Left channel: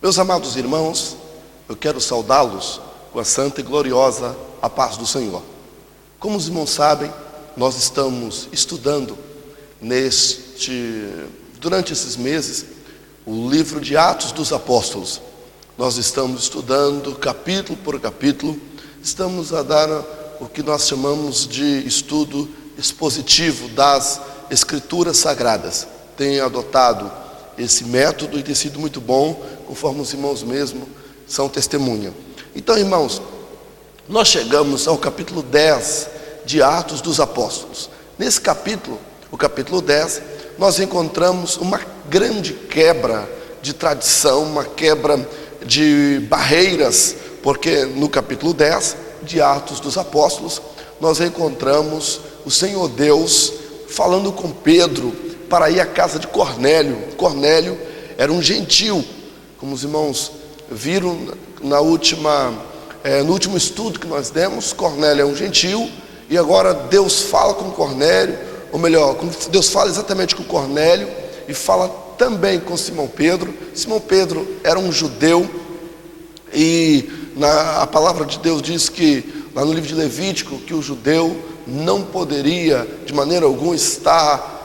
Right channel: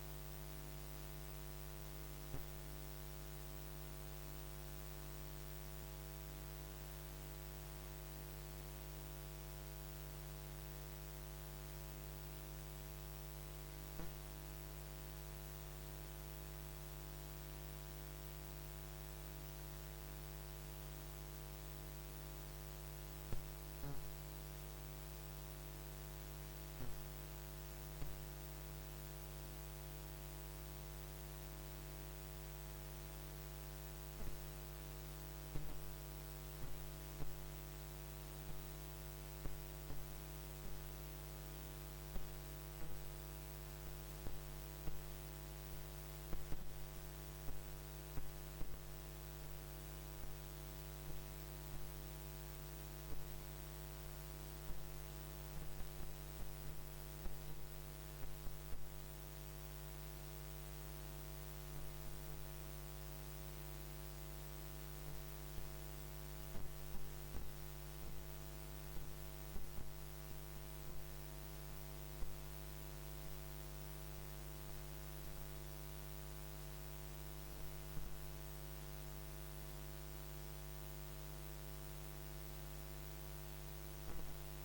Meus amados irmãos, eu quero saudá-los com a santa e gloriosa a paz do Senhor. Como os irmãos sabem, nós estamos estudando durante esses meses o livro de Atos dos Apóstolos. Nós estamos estudando capítulo por capítulo, estamos a dar o que nós chamamos de estudo expositivo das Escrituras Sagradas. Tenho adotado esse método e tem sido muito bom, conforme os irmãos mesmo são testemunha. Então, irmãos, nós chegamos ao capítulo 10 de Atos dos Apóstolos. Nesse capítulo, o capítulo 10, nós encontramos uma grande quebra de tradição, uma quebra de barreiras, porque no capítulo 10 de Atos dos Apóstolos, nós encontramos o Senhor Deus falando com Pedro para ir à casa de Cornélio. Cornélio era um gentil, como os irmãos viram no último estudo que nós demos. Cornélio é um gentil, e agora Deus fala com Cornélio, ou melhor, Deus fala exatamente com Cornélio, e fala também com Simão Pedro. Simão Pedro era um judeu, e a palavra de Deus diz que, lá no livro de Levítico, que o judeu não poderia de maneira alguma estar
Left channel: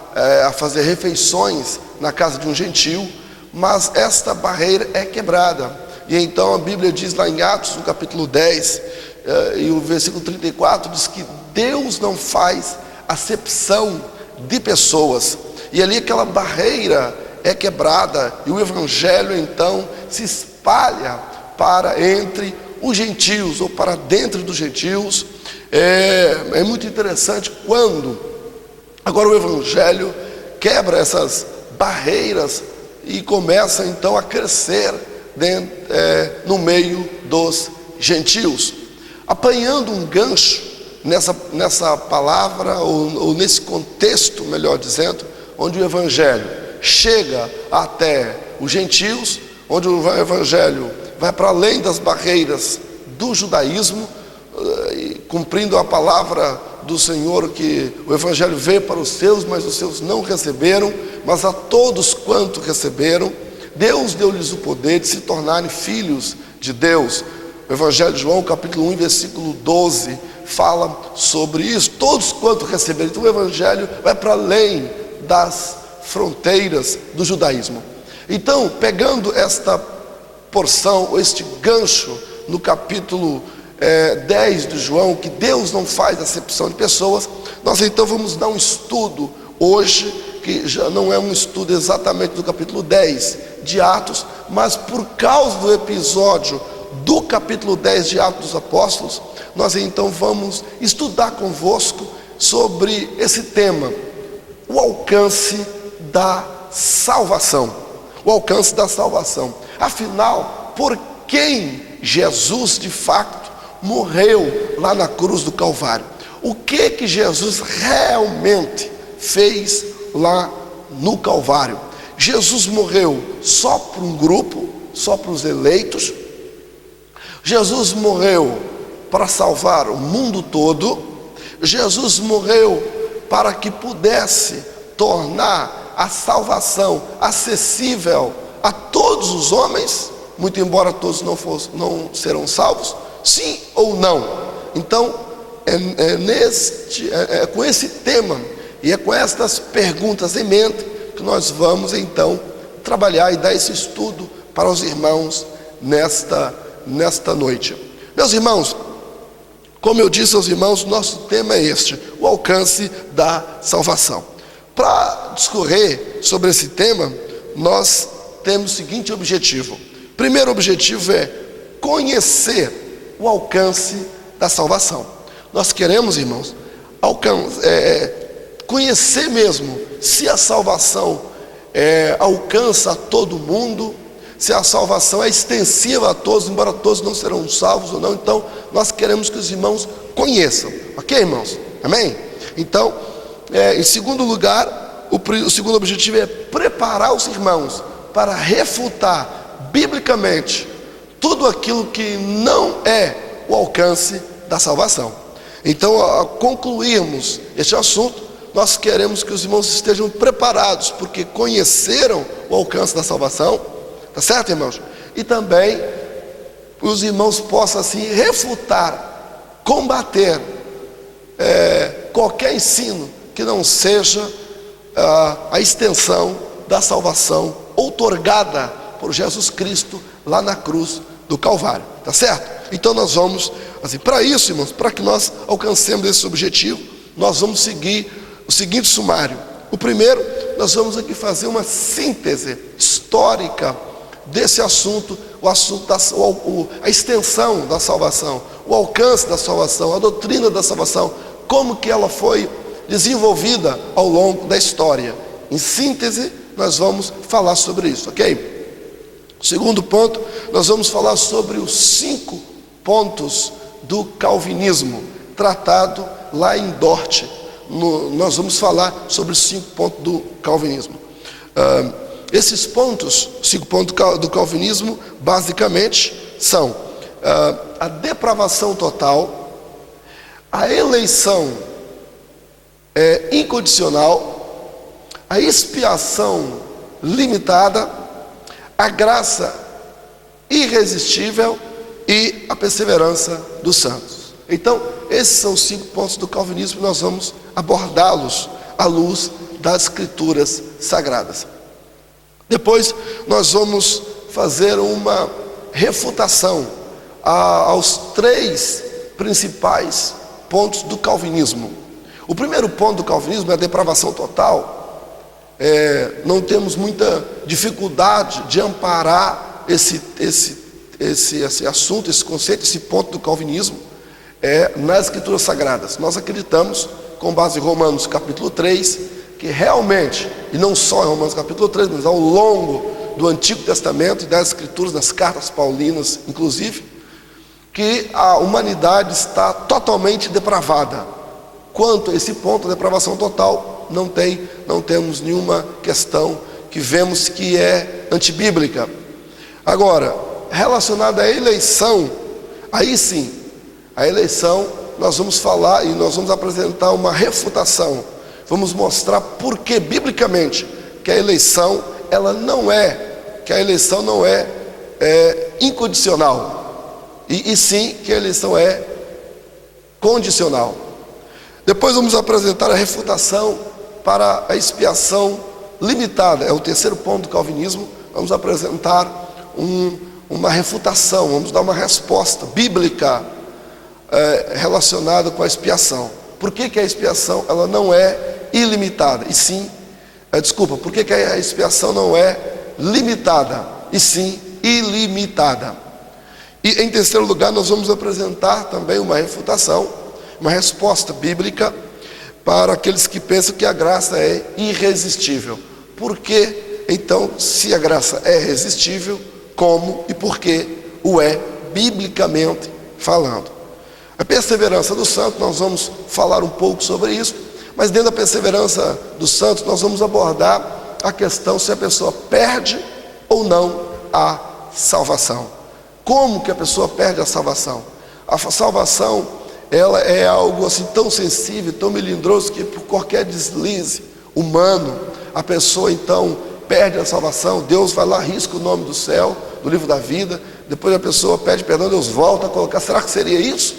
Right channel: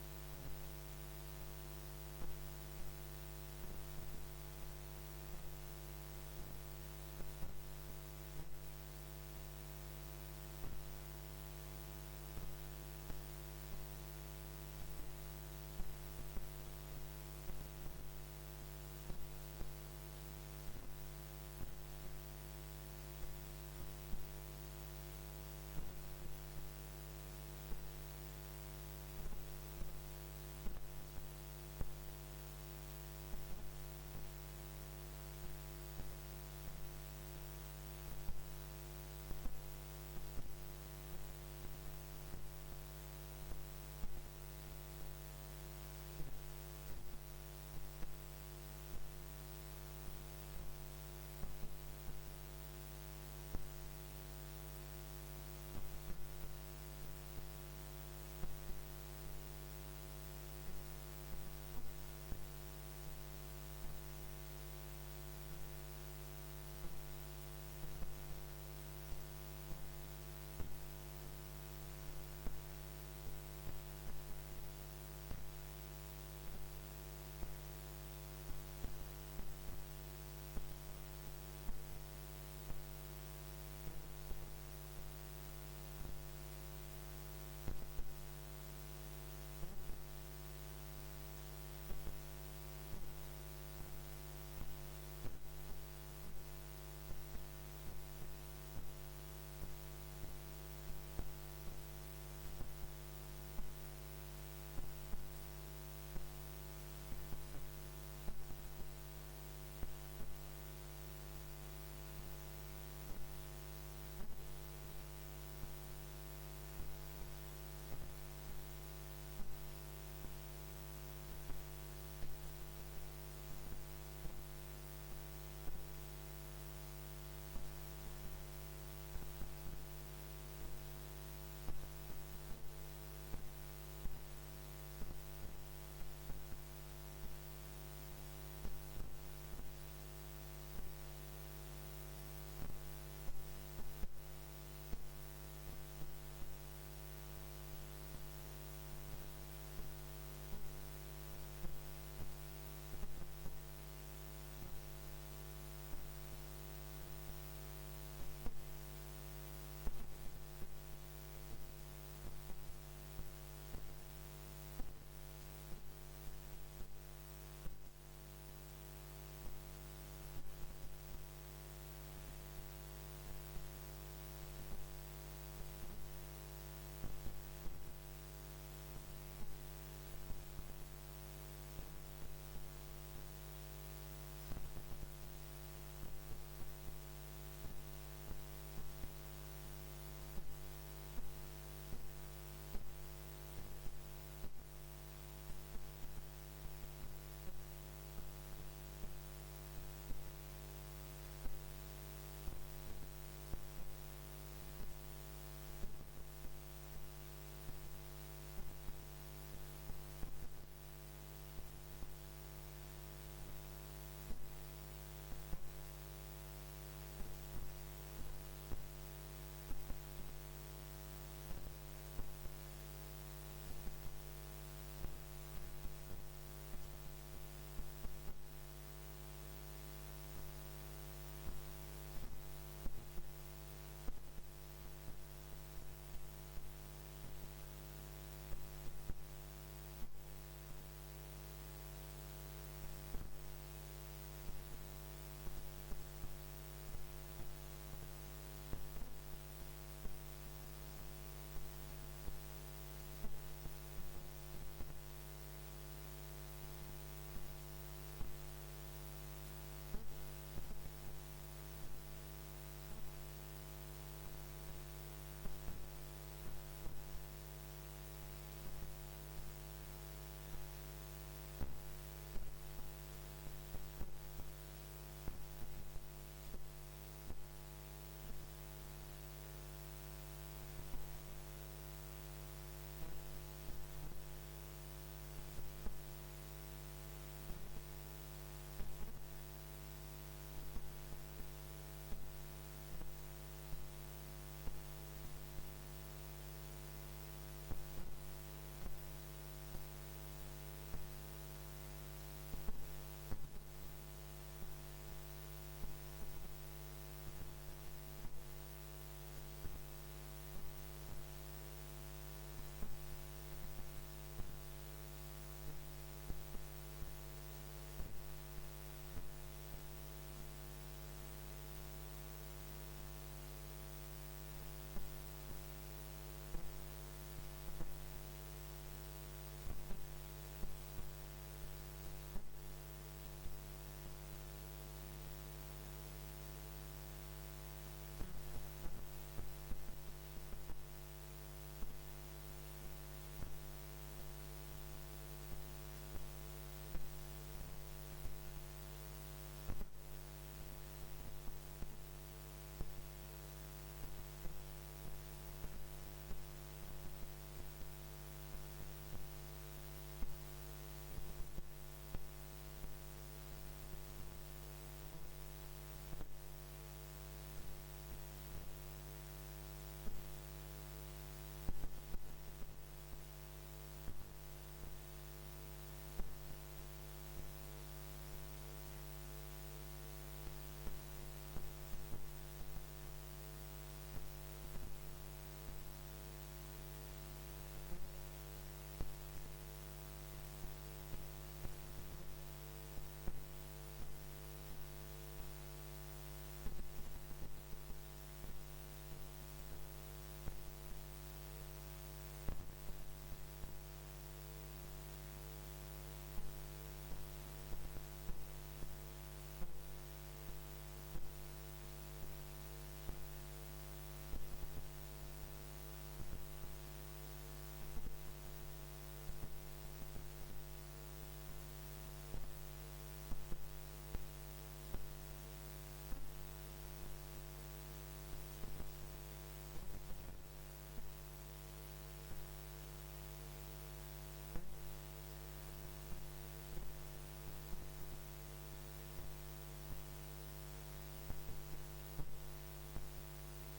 a fazer refeições na casa de um gentil, mas esta barreira é quebrada. E então a Bíblia diz lá em Atos, no capítulo 10, e o versículo 34, diz que Deus não faz acepção de pessoas, e ali aquela barreira é quebrada, e o Evangelho então se espalha para entre os gentios, ou para dentro dos gentios. É muito interessante quando agora o Evangelho quebra essas barreiras e começa então a crescer no meio dos gentios, apanhando um gancho nessa palavra, ou nesse contexto, melhor dizendo, onde o Evangelho chega até os gentios, onde o Evangelho vai para além das barreiras do judaísmo, cumprindo a palavra do Senhor, que o Evangelho veio para os seus, mas os seus não receberam, mas a todos quanto receberam, Deus deu-lhes o poder de se tornarem filhos de Deus. O Evangelho de João, capítulo 1, versículo 12, fala sobre isso, todos quanto receberam. Então o Evangelho vai para além das fronteiras do judaísmo. Então, pegando esta porção, este gancho no capítulo 10 de João, que Deus não faz acepção de pessoas, nós então vamos dar um estudo hoje, que já não é um estudo exatamente do capítulo 10 de Atos, mas por causa do episódio do capítulo 10 de Atos dos Apóstolos, nós então vamos estudar convosco sobre esse tema, o alcance da salvação. O alcance da salvação. Afinal, por quem Jesus de fato morreu lá na cruz do Calvário? O que Jesus realmente fez lá no Calvário? Jesus morreu só para um grupo, só para os eleitos? Jesus morreu para salvar o mundo todo? Jesus morreu para que pudesse tornar a salvação acessível a todos os homens, muito embora todos não serão salvos? Sim ou não? Então, é com esse tema e é com estas perguntas em mente que nós vamos então trabalhar e dar esse estudo para os irmãos nesta noite. Meus irmãos, como eu disse aos irmãos, nosso tema é este, o alcance da salvação. Para discorrer sobre esse tema, nós temos o seguinte objetivo. O primeiro objetivo é conhecer o alcance da salvação. Nós queremos, irmãos, conhecer mesmo se a salvação alcança a todo mundo, se a salvação é extensiva a todos, embora todos não serão salvos ou não. Então nós queremos que os irmãos conheçam, ok, irmãos? Amém? Então, em segundo lugar, o segundo objetivo é preparar os irmãos para refutar biblicamente tudo aquilo que não é o alcance da salvação. Então, ao concluirmos este assunto, nós queremos que os irmãos estejam preparados, porque conheceram o alcance da salvação, tá certo, irmãos? e também os irmãos possam assim refutar, combater qualquer ensino que não seja a extensão da salvação outorgada por Jesus Cristo lá na cruz do Calvário, tá certo? Então nós vamos, assim, para isso, irmãos, para que nós alcancemos esse objetivo, nós vamos seguir o seguinte sumário. O primeiro, nós vamos aqui fazer uma síntese histórica desse assunto, a extensão da salvação, o alcance da salvação, a doutrina da salvação, como que ela foi desenvolvida ao longo da história. Em síntese, nós vamos falar sobre isso, ok? Segundo ponto, nós vamos falar sobre os 5 pontos do calvinismo, tratado lá em Dort. Nós vamos falar sobre os 5 pontos do calvinismo. Esses pontos, 5 pontos do calvinismo, basicamente são a depravação total, a eleição incondicional, a expiação limitada, a graça irresistível e a perseverança dos santos. Então, esses são os 5 pontos do calvinismo e nós vamos abordá-los à luz das escrituras sagradas. Depois, nós vamos fazer uma refutação aos 3 principais pontos do calvinismo. O primeiro ponto do calvinismo é a depravação total. Não temos muita dificuldade de amparar esse assunto, esse conceito, esse ponto do calvinismo nas escrituras sagradas. Nós acreditamos, com base em Romanos capítulo 3, que realmente, e não só em Romanos capítulo 3, mas ao longo do Antigo Testamento e das escrituras, das cartas paulinas inclusive, que a humanidade está totalmente depravada. Quanto a esse ponto, a depravação total, não temos nenhuma questão que vemos que é antibíblica. Agora, relacionada à eleição, aí sim, a eleição, nós vamos falar e nós vamos apresentar uma refutação. Vamos mostrar por que biblicamente que a eleição não é incondicional, e sim que a eleição é condicional. Depois vamos apresentar a refutação para a expiação limitada. É o terceiro ponto do calvinismo. Vamos apresentar uma refutação, vamos dar uma resposta bíblica relacionada com a expiação. Por que a expiação ela não é ilimitada? E sim, por que a expiação não é limitada? E sim, ilimitada. E em terceiro lugar, nós vamos apresentar também uma refutação, uma resposta bíblica para aqueles que pensam que a graça é irresistível. Por que, então, se a graça é irresistível, como e por que o é biblicamente falando? A perseverança dos santos, nós vamos falar um pouco sobre isso, mas dentro da perseverança dos santos, nós vamos abordar a questão se a pessoa perde ou não a salvação. Como que a pessoa perde a salvação? A salvação, ela é algo assim tão sensível, tão melindroso, que por qualquer deslize humano, a pessoa então perde a salvação. Deus vai lá, risca o nome do céu, do livro da vida, depois a pessoa pede perdão, Deus volta a colocar. Será que seria isso?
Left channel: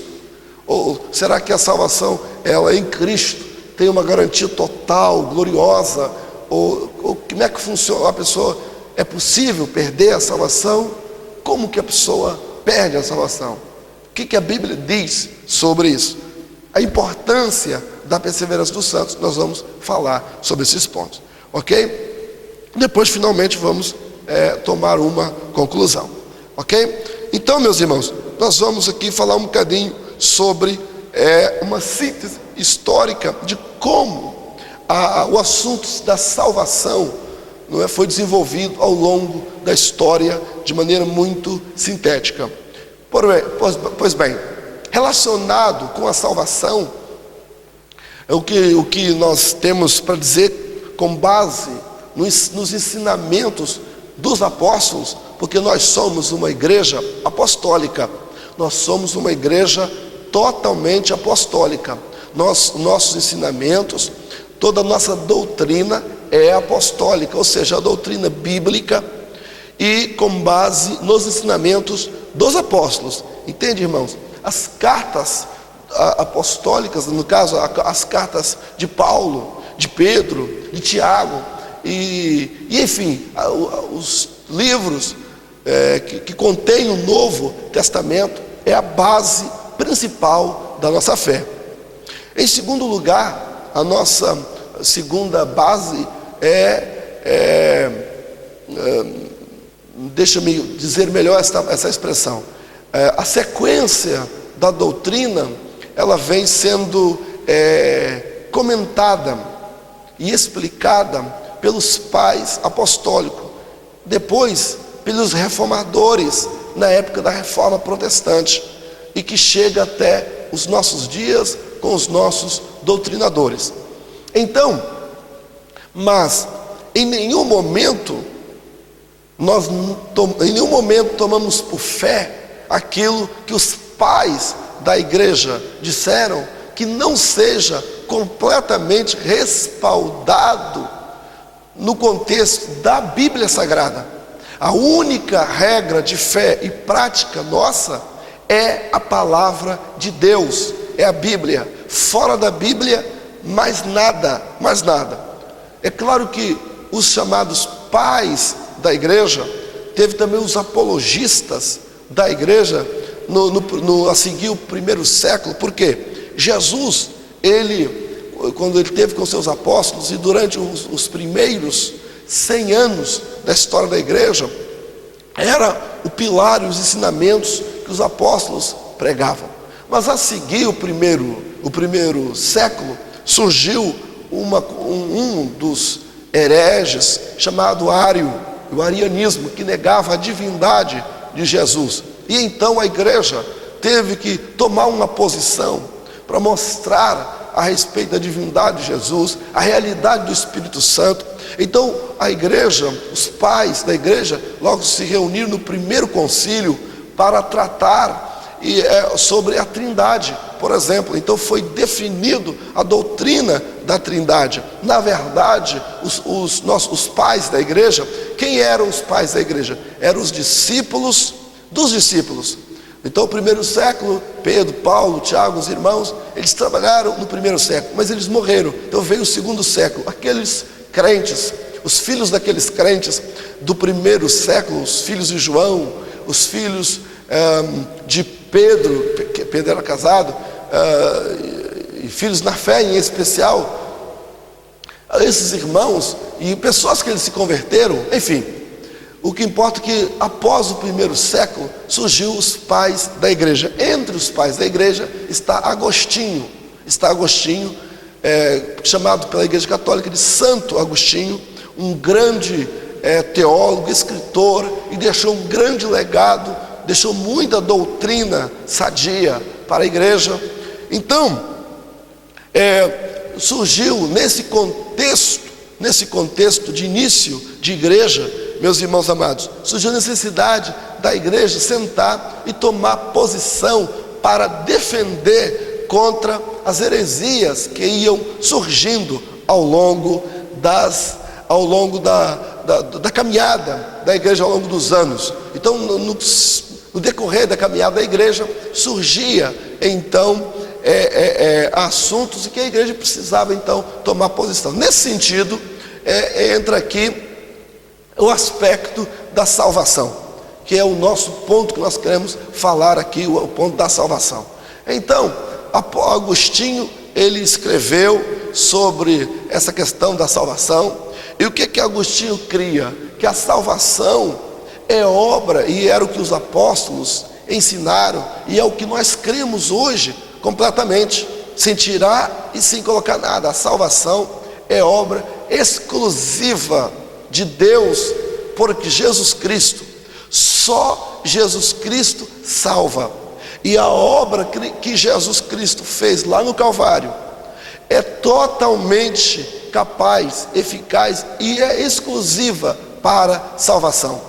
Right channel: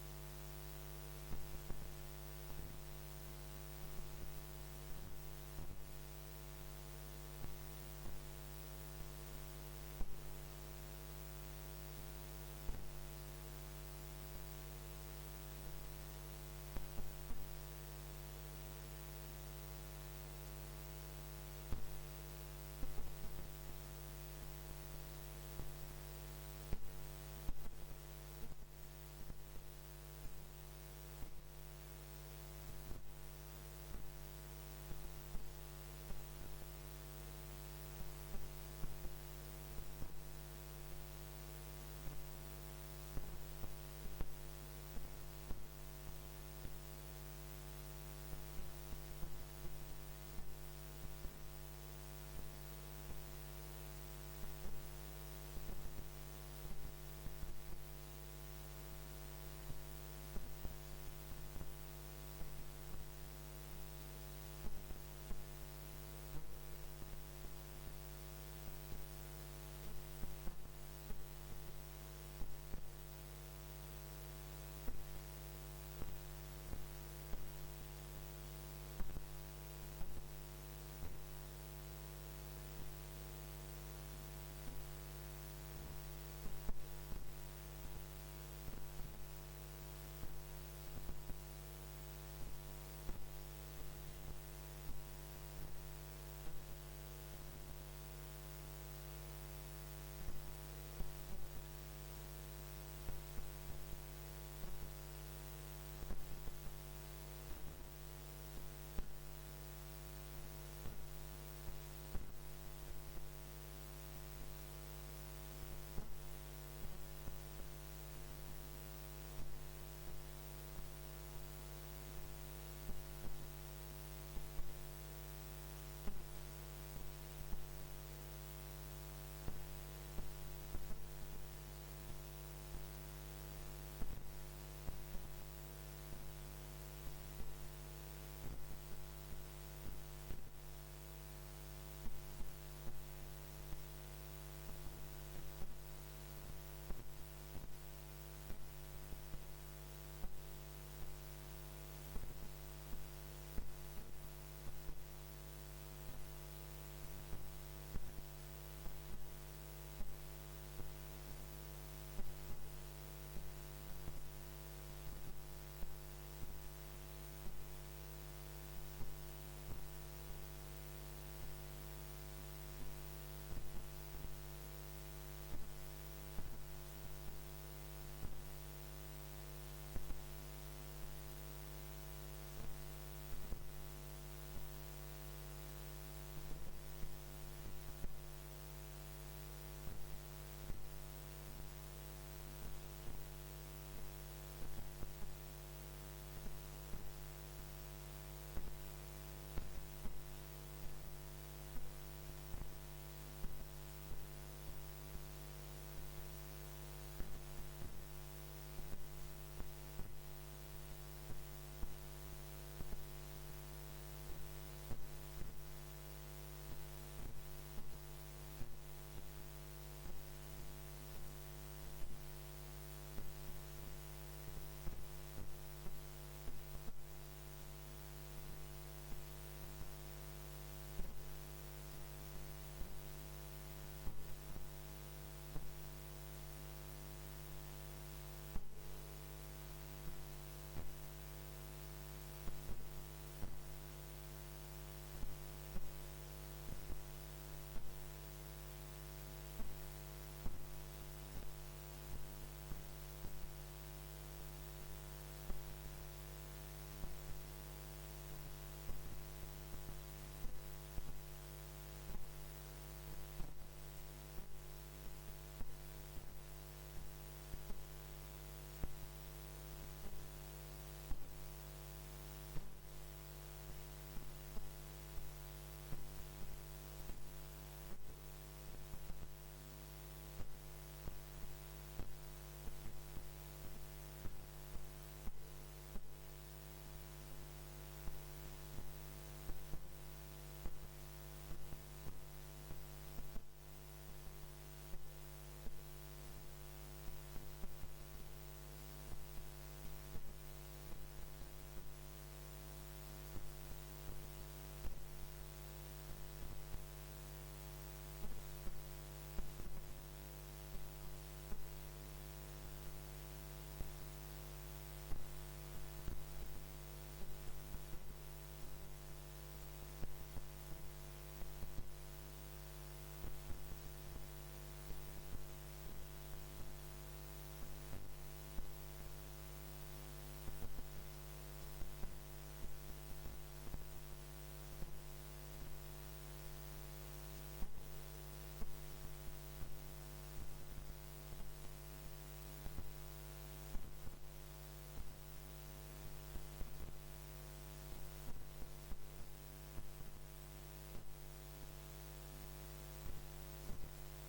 Ou será que a salvação, ela em Cristo, tem uma garantia total, gloriosa? Ou como é que funciona? A pessoa, é possível perder a salvação? Como que a pessoa perde a salvação? O que a Bíblia diz sobre isso? A importância da perseverança dos santos, nós vamos falar sobre esses pontos, ok? Depois, finalmente, vamos tomar uma conclusão, ok? Então, meus irmãos, nós vamos aqui falar um bocadinho sobre uma síntese histórica de como o assunto da salvação foi desenvolvido ao longo da história de maneira muito sintética. Pois bem, relacionado com a salvação, o que nós temos para dizer com base nos ensinamentos dos apóstolos, porque nós somos uma igreja apostólica, nós somos uma igreja totalmente apostólica. Nossos ensinamentos, toda a nossa doutrina é apostólica, ou seja, a doutrina bíblica, e com base nos ensinamentos dos apóstolos. Entende, irmãos? As cartas apostólicas, no caso, as cartas de Paulo, de Pedro, de Tiago, e enfim, os livros que contêm o Novo Testamento, é a base principal da nossa fé. Em segundo lugar, a nossa segunda base deixa-me dizer melhor essa expressão. A sequência da doutrina, ela vem sendo comentada e explicada pelos pais apostólicos, depois pelos reformadores na época da Reforma Protestante, e que chega até os nossos dias com os nossos doutrinadores. Então, mas em nenhum momento tomamos por fé aquilo que os pais da igreja disseram, que não seja completamente respaldado no contexto da Bíblia Sagrada. A única regra de fé e prática nossa é a palavra de Deus, é a Bíblia. Fora da Bíblia, mais nada, mais nada. É claro que os chamados pais da igreja, teve também os apologistas da igreja a seguir o primeiro século, porque Jesus, quando ele teve com seus apóstolos e durante os primeiros 100 anos da história da igreja, era o pilar e os ensinamentos que os apóstolos pregavam. Mas a seguir o primeiro século, surgiu um dos hereges chamado Ário, o arianismo, que negava a divindade de Jesus. E então a igreja teve que tomar uma posição para mostrar a respeito da divindade de Jesus, a realidade do Espírito Santo. Então a igreja, os pais da igreja, logo se reuniram no primeiro concílio para tratar sobre a Trindade, por exemplo. Então foi definido a doutrina da Trindade. Na verdade, os pais da igreja, quem eram os pais da igreja? Eram os discípulos dos discípulos. Então, o primeiro século, Pedro, Paulo, Tiago, os irmãos, eles trabalharam no primeiro século, mas eles morreram. Então veio o segundo século. Aqueles crentes, os filhos daqueles crentes do primeiro século, os filhos de João, os filhos de Pedro, Pedro era casado, e filhos na fé em especial, esses irmãos e pessoas que eles se converteram, enfim. O que importa é que após o primeiro século surgiu os pais da igreja. Entre os pais da igreja está Agostinho, chamado pela igreja católica de Santo Agostinho, um grande teólogo, escritor, e deixou um grande legado, deixou muita doutrina sadia para a igreja. Então, surgiu nesse contexto de início de igreja, meus irmãos amados, surgiu a necessidade da igreja sentar e tomar posição para defender contra as heresias que iam surgindo ao longo da caminhada da igreja ao longo dos anos. Então, no decorrer da caminhada da igreja, surgia então assuntos em que a igreja precisava então tomar posição. Nesse sentido, entra aqui o aspecto da salvação, que é o nosso ponto que nós queremos falar aqui, o ponto da salvação. Então, Agostinho, ele escreveu sobre essa questão da salvação. E o que Agostinho cria? Que a salvação é obra, e era o que os apóstolos ensinaram, e é o que nós cremos hoje completamente, sem tirar e sem colocar nada. A salvação é obra exclusiva de Deus, porque Jesus Cristo, só Jesus Cristo salva. E a obra que Jesus Cristo fez lá no Calvário é totalmente capaz, eficaz e é exclusiva para salvação.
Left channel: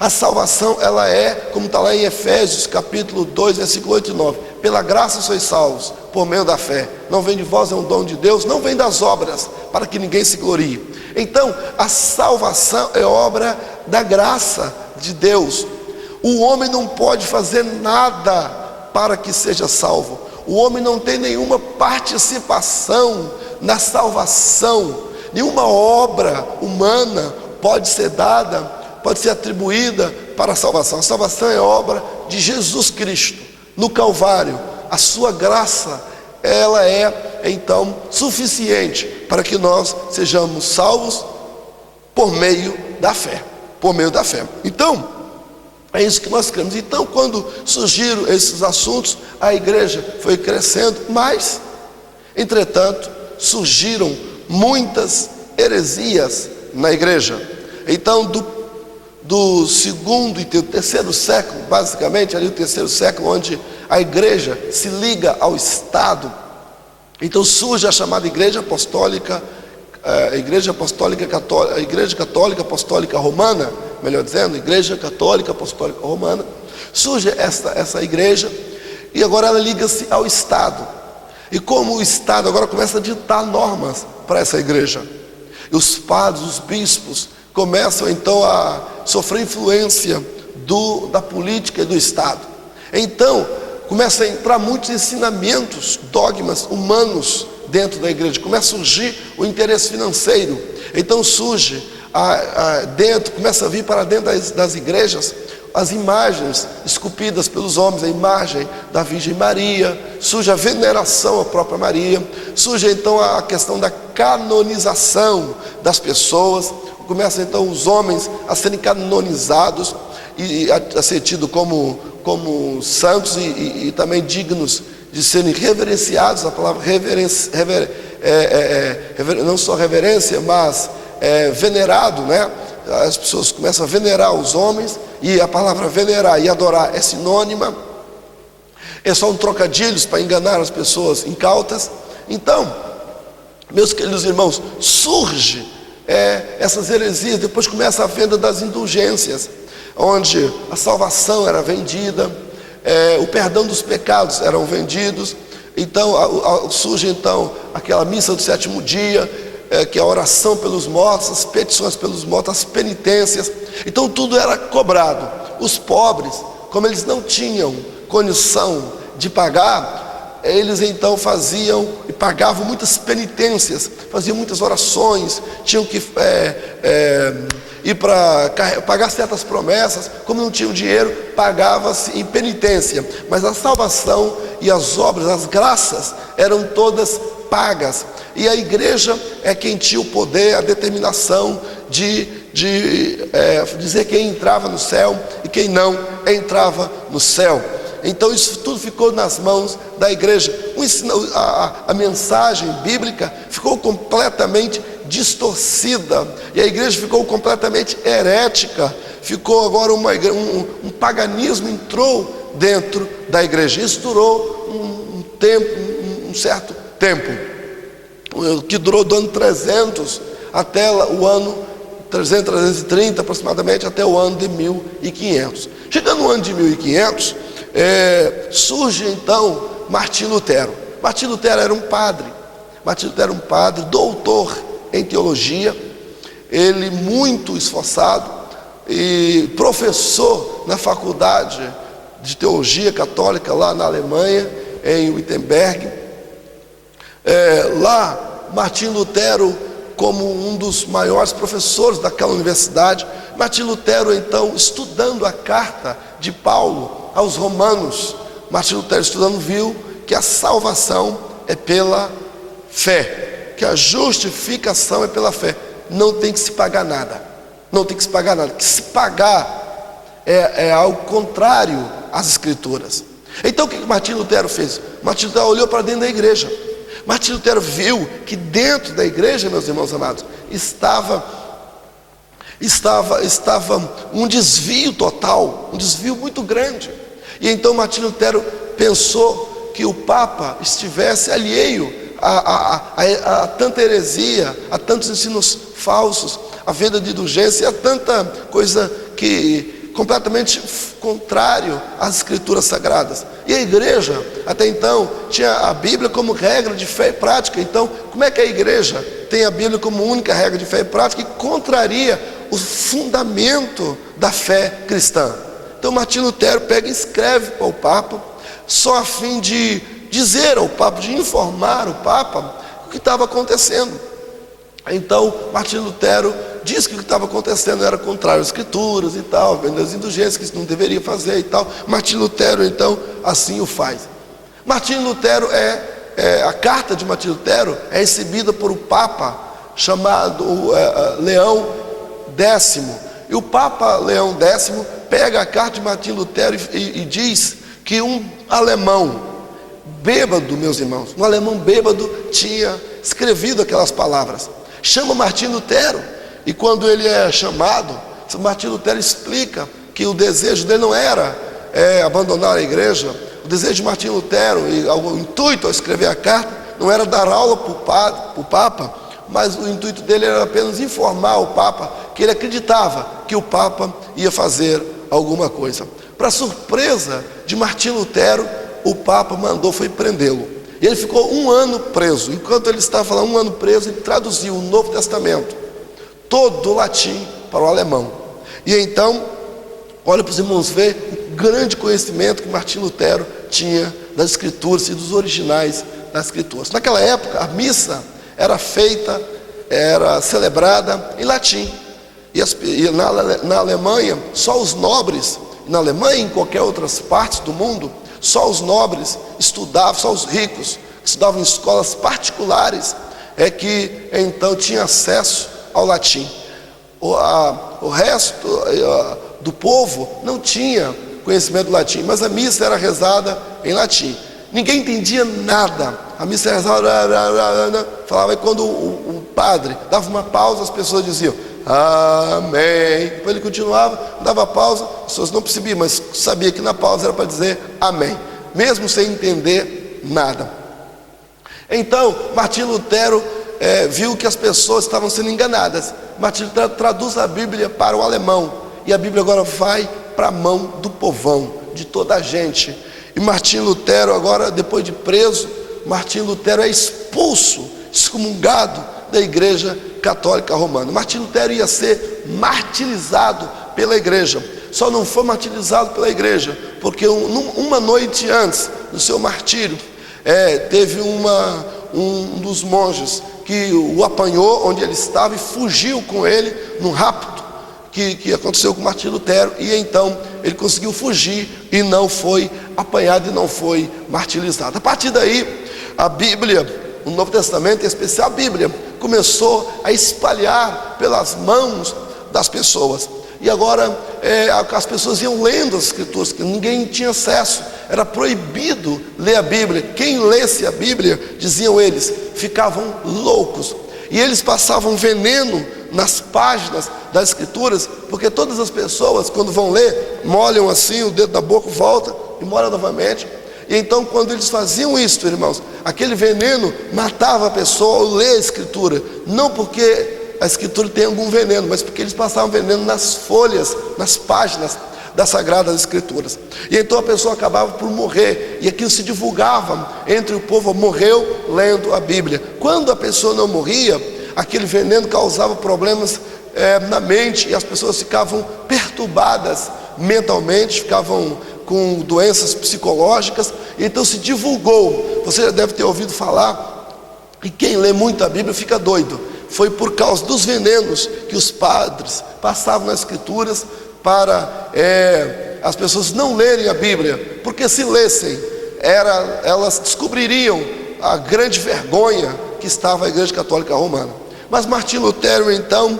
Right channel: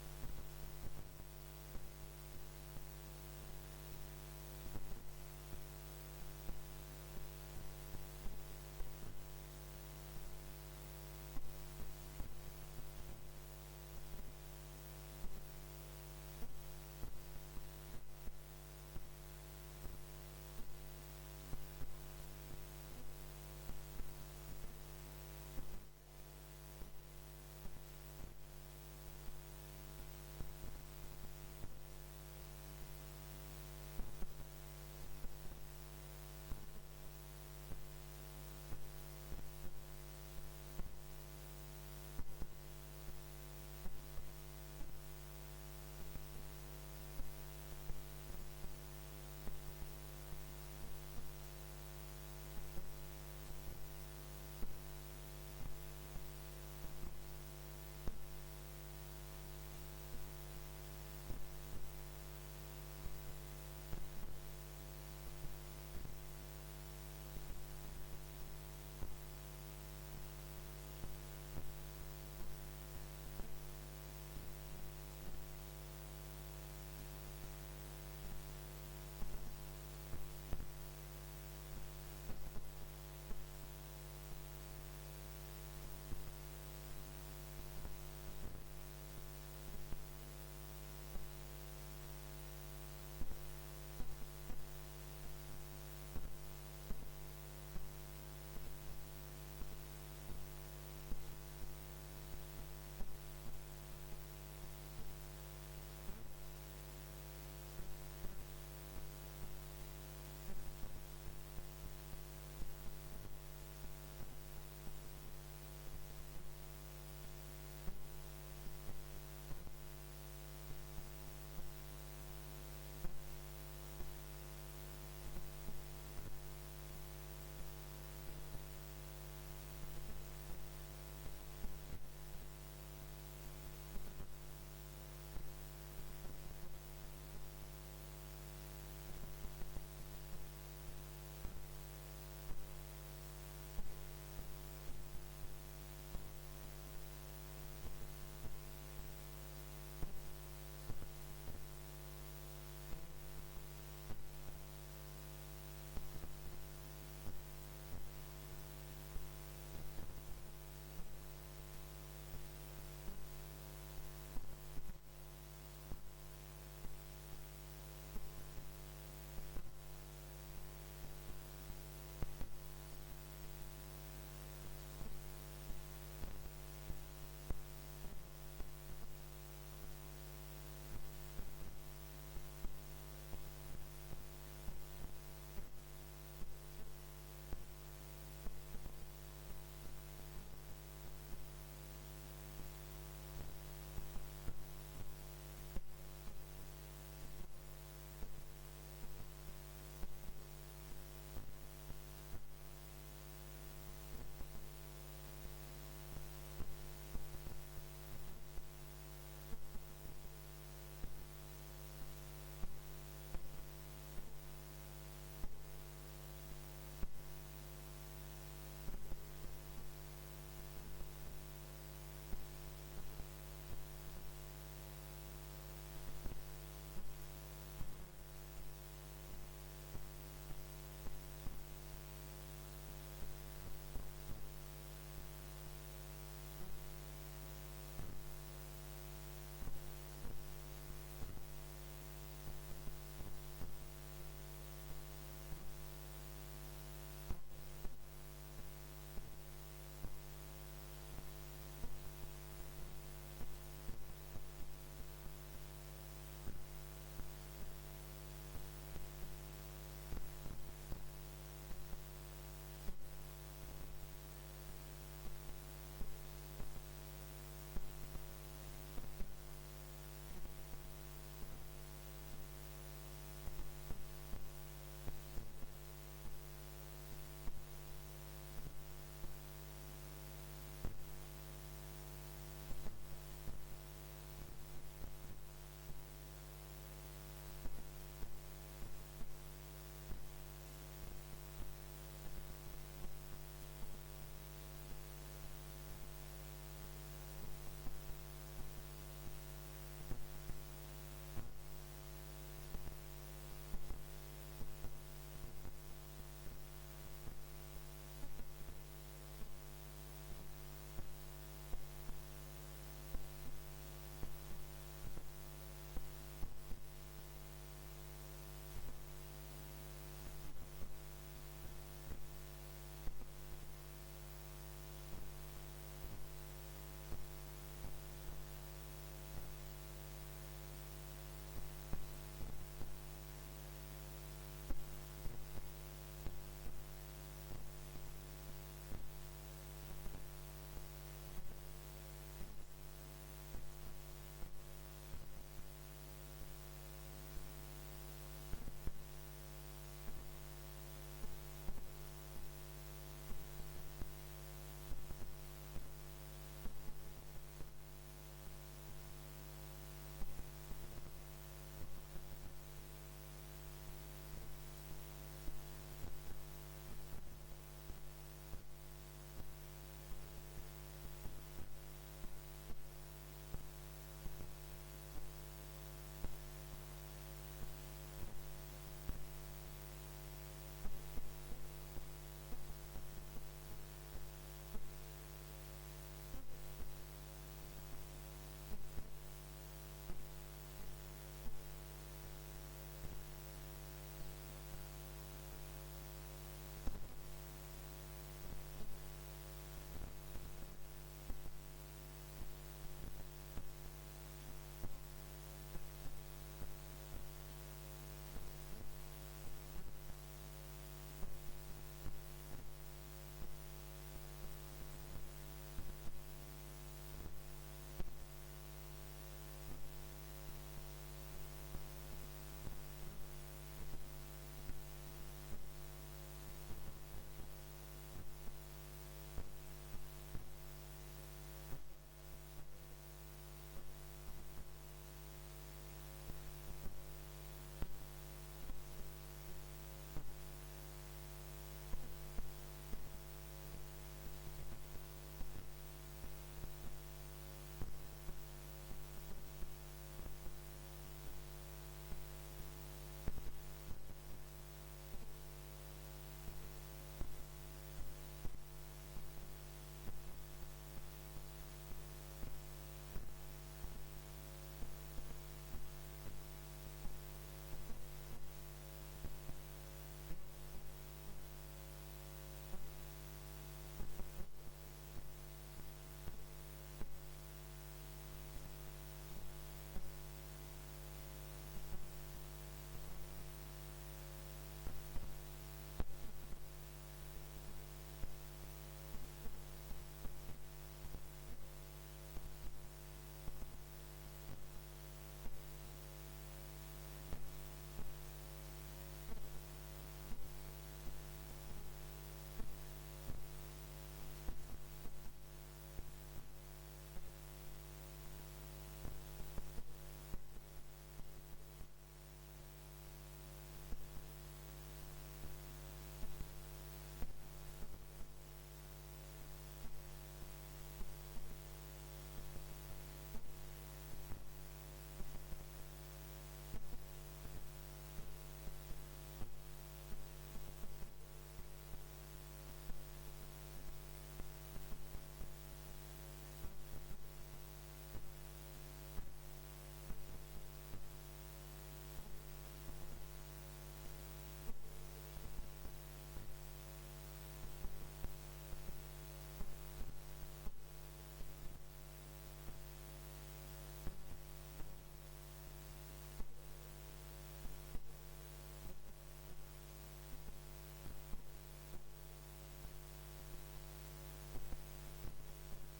A salvação, ela é, como está lá em Efésios capítulo 2, versículo 8 e 9: pela graça sois salvos, por meio da fé. Não vem de vós, é um dom de Deus, não vem das obras, para que ninguém se glorie. Então, a salvação é obra da graça de Deus. O homem não pode fazer nada para que seja salvo. O homem não tem nenhuma participação na salvação. Nenhuma obra humana pode ser dada, pode ser atribuída para a salvação. A salvação é obra de Jesus Cristo no Calvário. A sua graça, ela é então suficiente para que nós sejamos salvos por meio da fé. Por meio da fé. Então, é isso que nós cremos. Então, quando surgiram esses assuntos, a igreja foi crescendo, mas, entretanto, surgiram muitas heresias na igreja. Então, do segundo e terceiro século, basicamente, ali o terceiro século, onde a igreja se liga ao Estado, então surge a chamada Igreja Apostólica, a Igreja Católica Apostólica Romana, melhor dizendo, Igreja Católica Apostólica Romana. Surge essa igreja, e agora ela liga-se ao Estado. E como o Estado agora começa a ditar normas para essa igreja, e os padres, os bispos, começam então a sofrer influência da política e do Estado. Então, começa a entrar muitos ensinamentos, dogmas humanos dentro da igreja. Começa a surgir o interesse financeiro. Então surge começa a vir para dentro das igrejas as imagens esculpidas pelos homens, a imagem da Virgem Maria. Surge a veneração à própria Maria. Surge então a questão da canonização das pessoas. Começam então os homens a serem canonizados e a ser tidos como santos e também dignos de serem reverenciados. A palavra reverência, não só reverência, mas venerado, né? As pessoas começam a venerar os homens, e a palavra venerar e adorar é sinônima. É só um trocadilho para enganar as pessoas incautas. Então, meus queridos irmãos, surge essas heresias. Depois começa a venda das indulgências, onde a salvação era vendida, o perdão dos pecados eram vendidos. Então surge então aquela missa do sétimo dia, que é a oração pelos mortos, as petições pelos mortos, as penitências. Então tudo era cobrado. Os pobres, como eles não tinham condição de pagar, eles então faziam e pagavam muitas penitências, faziam muitas orações, tinham que ir para pagar certas promessas. Como não tinham dinheiro, pagava-se em penitência. Mas a salvação e as obras, as graças, eram todas pagas. E a igreja é quem tinha o poder, a determinação de dizer quem entrava no céu e quem não entrava no céu. Então isso tudo ficou nas mãos da igreja. A mensagem bíblica ficou completamente distorcida, e a igreja ficou completamente herética. Ficou agora um paganismo entrou dentro da igreja. Isso durou um certo tempo, que durou do ano 300 até o ano 330 aproximadamente, até o ano de 1500. Chegando no ano de 1500, surge então Martim Lutero. Martim Lutero era um padre. Martim Lutero era um padre, doutor em teologia, ele muito esforçado, e professor na faculdade de teologia católica lá na Alemanha, em Wittenberg. Lá, Martim Lutero, como um dos maiores professores daquela universidade, Martim Lutero então estudando a carta de Paulo aos Romanos, Martim Lutero estudando viu que a salvação é pela fé, que a justificação é pela fé, não tem que se pagar nada, não tem que se pagar nada, que se pagar é algo contrário às Escrituras. Então o que Martim Lutero fez? Martim Lutero olhou para dentro da igreja. Martim Lutero viu que dentro da igreja, meus irmãos amados, estava um desvio total, um desvio muito grande. E então Martim Lutero pensou que o Papa estivesse alheio a tanta heresia, a tantos ensinos falsos, a venda de indulgência, a tanta coisa que completamente contrário às escrituras sagradas. E a igreja, até então, tinha a Bíblia como regra de fé e prática. Então, como é que a igreja tem a Bíblia como única regra de fé e prática e contraria o fundamento da fé cristã? Então Martinho Lutero pega e escreve para o Papa, só a fim de dizer ao Papa, de informar o Papa o que estava acontecendo. Então Martinho Lutero diz que o que estava acontecendo era contrário às escrituras e tal, vendo as indulgências, que isso não deveria fazer e tal. Martinho Lutero então assim o faz. Martinho Lutero a carta de Martinho Lutero é recebida por um Papa chamado Leão X. E o Papa Leão X pega a carta de Martinho Lutero e diz que um alemão bêbado, meus irmãos, um alemão bêbado tinha escrevido aquelas palavras. Chama Martinho Lutero, e quando ele é chamado, Martinho Lutero explica que o desejo dele não era abandonar a igreja. O desejo de Martinho Lutero e o intuito ao escrever a carta não era dar aula para o Papa, mas o intuito dele era apenas informar o Papa que ele acreditava que o Papa ia fazer alguma coisa. Para surpresa de Martinho Lutero, o Papa foi prendê-lo. E ele ficou 1 ano preso. Enquanto ele estava lá 1 ano preso, ele traduziu o Novo Testamento, todo do latim para o alemão. E então, olha para os irmãos ver o grande conhecimento que Martinho Lutero tinha das Escrituras e dos originais das Escrituras. Naquela época, a missa era celebrada em latim. E na Alemanha, só os nobres, na Alemanha e em qualquer outras partes do mundo, só os nobres estudavam, só os ricos que estudavam em escolas particulares que então tinham acesso ao latim. O resto do povo não tinha conhecimento do latim, mas a missa era rezada em latim. Ninguém entendia nada. A missa era rezada, falava, e quando o padre dava uma pausa, as pessoas diziam amém. Depois ele continuava, dava pausa, as pessoas não percebiam, mas sabia que na pausa era para dizer amém, mesmo sem entender nada. Então Martinho Lutero viu que as pessoas estavam sendo enganadas. Martinho Lutero traduz a Bíblia para o alemão, e a Bíblia agora vai para a mão do povão, de toda a gente. E Martinho Lutero agora, depois de preso, Martinho Lutero é expulso, excomungado da Igreja Católica Romana. Martinho Lutero ia ser martirizado pela igreja. Só não foi martirizado pela igreja porque uma noite antes do seu martírio, teve um dos monges que o apanhou onde ele estava e fugiu com ele num rapto que aconteceu com Martinho Lutero, e então ele conseguiu fugir e não foi apanhado e não foi martirizado. A partir daí, a Bíblia, o Novo Testamento, em especial a Bíblia, começou a espalhar pelas mãos das pessoas. E agora as pessoas iam lendo as Escrituras, que ninguém tinha acesso, era proibido ler a Bíblia. Quem lesse a Bíblia, diziam eles, ficavam loucos. E eles passavam veneno nas páginas das Escrituras, porque todas as pessoas, quando vão ler, molham assim o dedo da boca, volta e molham novamente. E então, quando eles faziam isso, irmãos, aquele veneno matava a pessoa ao ler a Escritura, não porque a Escritura tem algum veneno, mas porque eles passavam veneno nas folhas, nas páginas das Sagradas Escrituras. E então a pessoa acabava por morrer, e aquilo se divulgava entre o povo, morreu lendo a Bíblia. Quando a pessoa não morria, aquele veneno causava problemas na mente, e as pessoas ficavam perturbadas mentalmente, ficavam com doenças psicológicas. Então se divulgou. Você já deve ter ouvido falar, e quem lê muito a Bíblia fica doido. Foi por causa dos venenos que os padres passavam nas Escrituras para as pessoas não lerem a Bíblia, porque se lessem, elas descobririam a grande vergonha que estava a Igreja Católica Romana. Mas Martinho Lutero então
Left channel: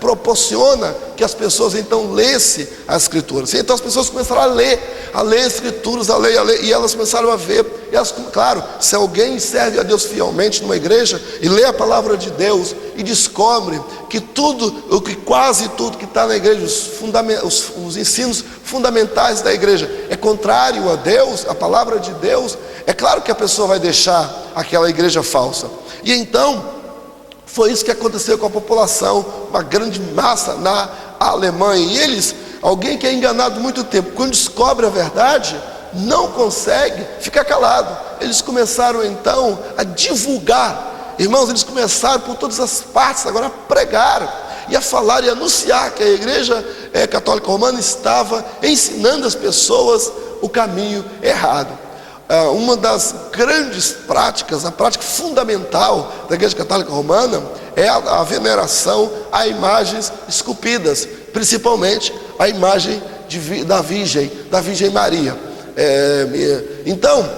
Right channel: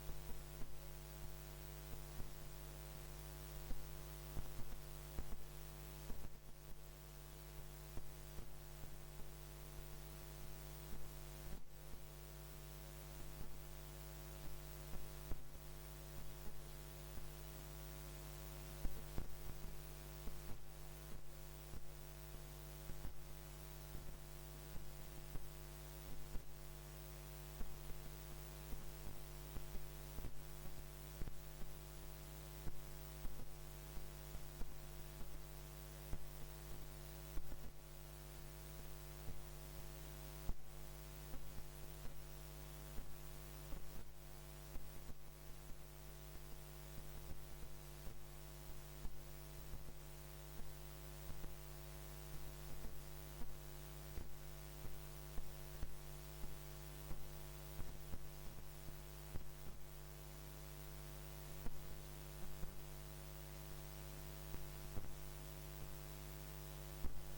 proporciona que as pessoas então lessem as Escrituras. E então as pessoas começaram a ler as Escrituras, a ler, e elas começaram a ver. E elas, claro, se alguém serve a Deus fielmente numa igreja e lê a palavra de Deus e descobre que quase tudo que está na igreja, os ensinos fundamentais da igreja é contrário a Deus, a palavra de Deus, é claro que a pessoa vai deixar aquela igreja falsa. E então foi isso que aconteceu com a população, uma grande massa na à Alemanha. E eles, alguém que é enganado muito tempo, quando descobre a verdade, não consegue ficar calado. Eles começaram então a divulgar, irmãos, eles começaram por todas as partes agora a pregar e a falar e anunciar que a Igreja Católica Romana estava ensinando as pessoas o caminho errado. Uma das grandes práticas, a prática fundamental da Igreja Católica Romana é a veneração a imagens esculpidas, principalmente a imagem da Virgem Maria. Então,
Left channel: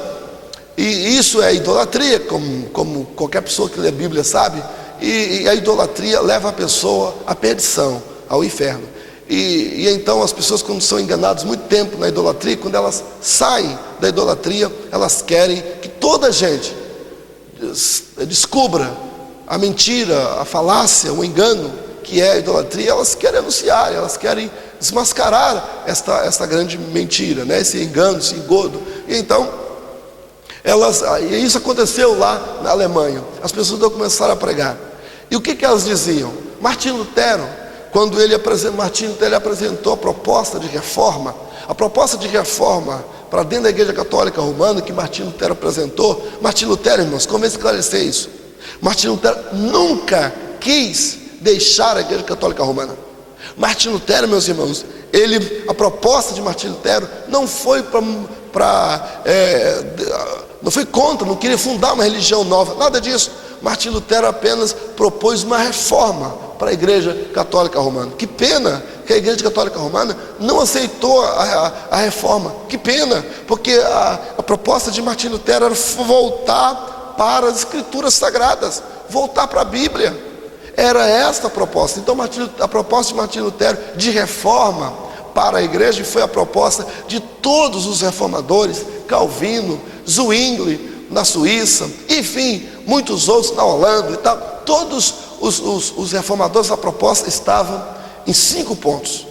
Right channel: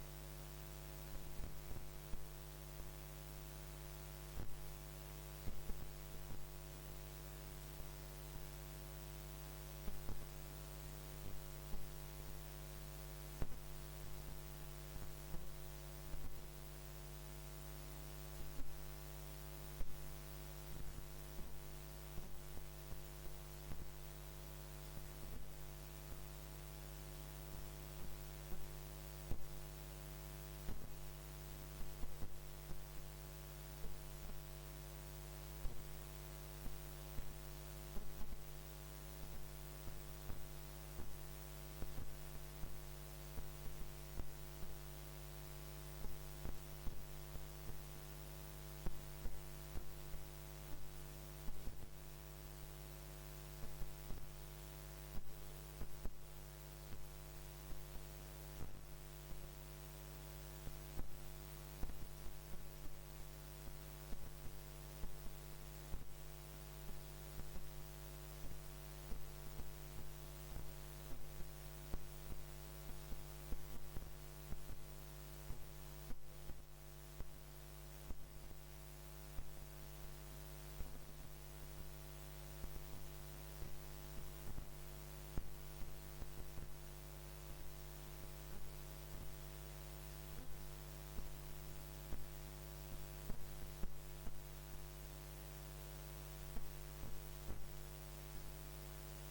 e isso é idolatria, como qualquer pessoa que lê a Bíblia sabe, e a idolatria leva a pessoa à perdição, ao inferno. E então as pessoas, quando são enganadas muito tempo na idolatria, quando elas saem da idolatria, elas querem que toda a gente descubra a mentira, a falácia, o engano que é a idolatria. Elas querem anunciar, elas querem desmascarar esta grande mentira, né? Esse engano, esse engodo. E então e isso aconteceu lá na Alemanha. As pessoas começaram a pregar. E o que elas diziam? Martim Lutero, quando Martim Lutero apresentou a proposta de reforma, para dentro da Igreja Católica Romana, que Martim Lutero apresentou. Martim Lutero, irmãos, como esclarecer isso? Martim Lutero nunca quis deixar a Igreja Católica Romana. Martim Lutero, meus irmãos, a proposta de Martim Lutero não foi não foi contra, não queria fundar uma religião nova, nada disso. Martim Lutero apenas propôs uma reforma para a Igreja Católica Romana. Que pena que a Igreja Católica Romana não aceitou a reforma. Que pena, porque a proposta de Martim Lutero era voltar para as Escrituras Sagradas, voltar para a Bíblia. Era esta a proposta. Então a proposta de Martim Lutero de reforma para a igreja foi a proposta de todos os reformadores, Calvino, Zwingli na Suíça, enfim, muitos outros na Holanda e tal. Todos os reformadores da proposta estavam em 5 pontos.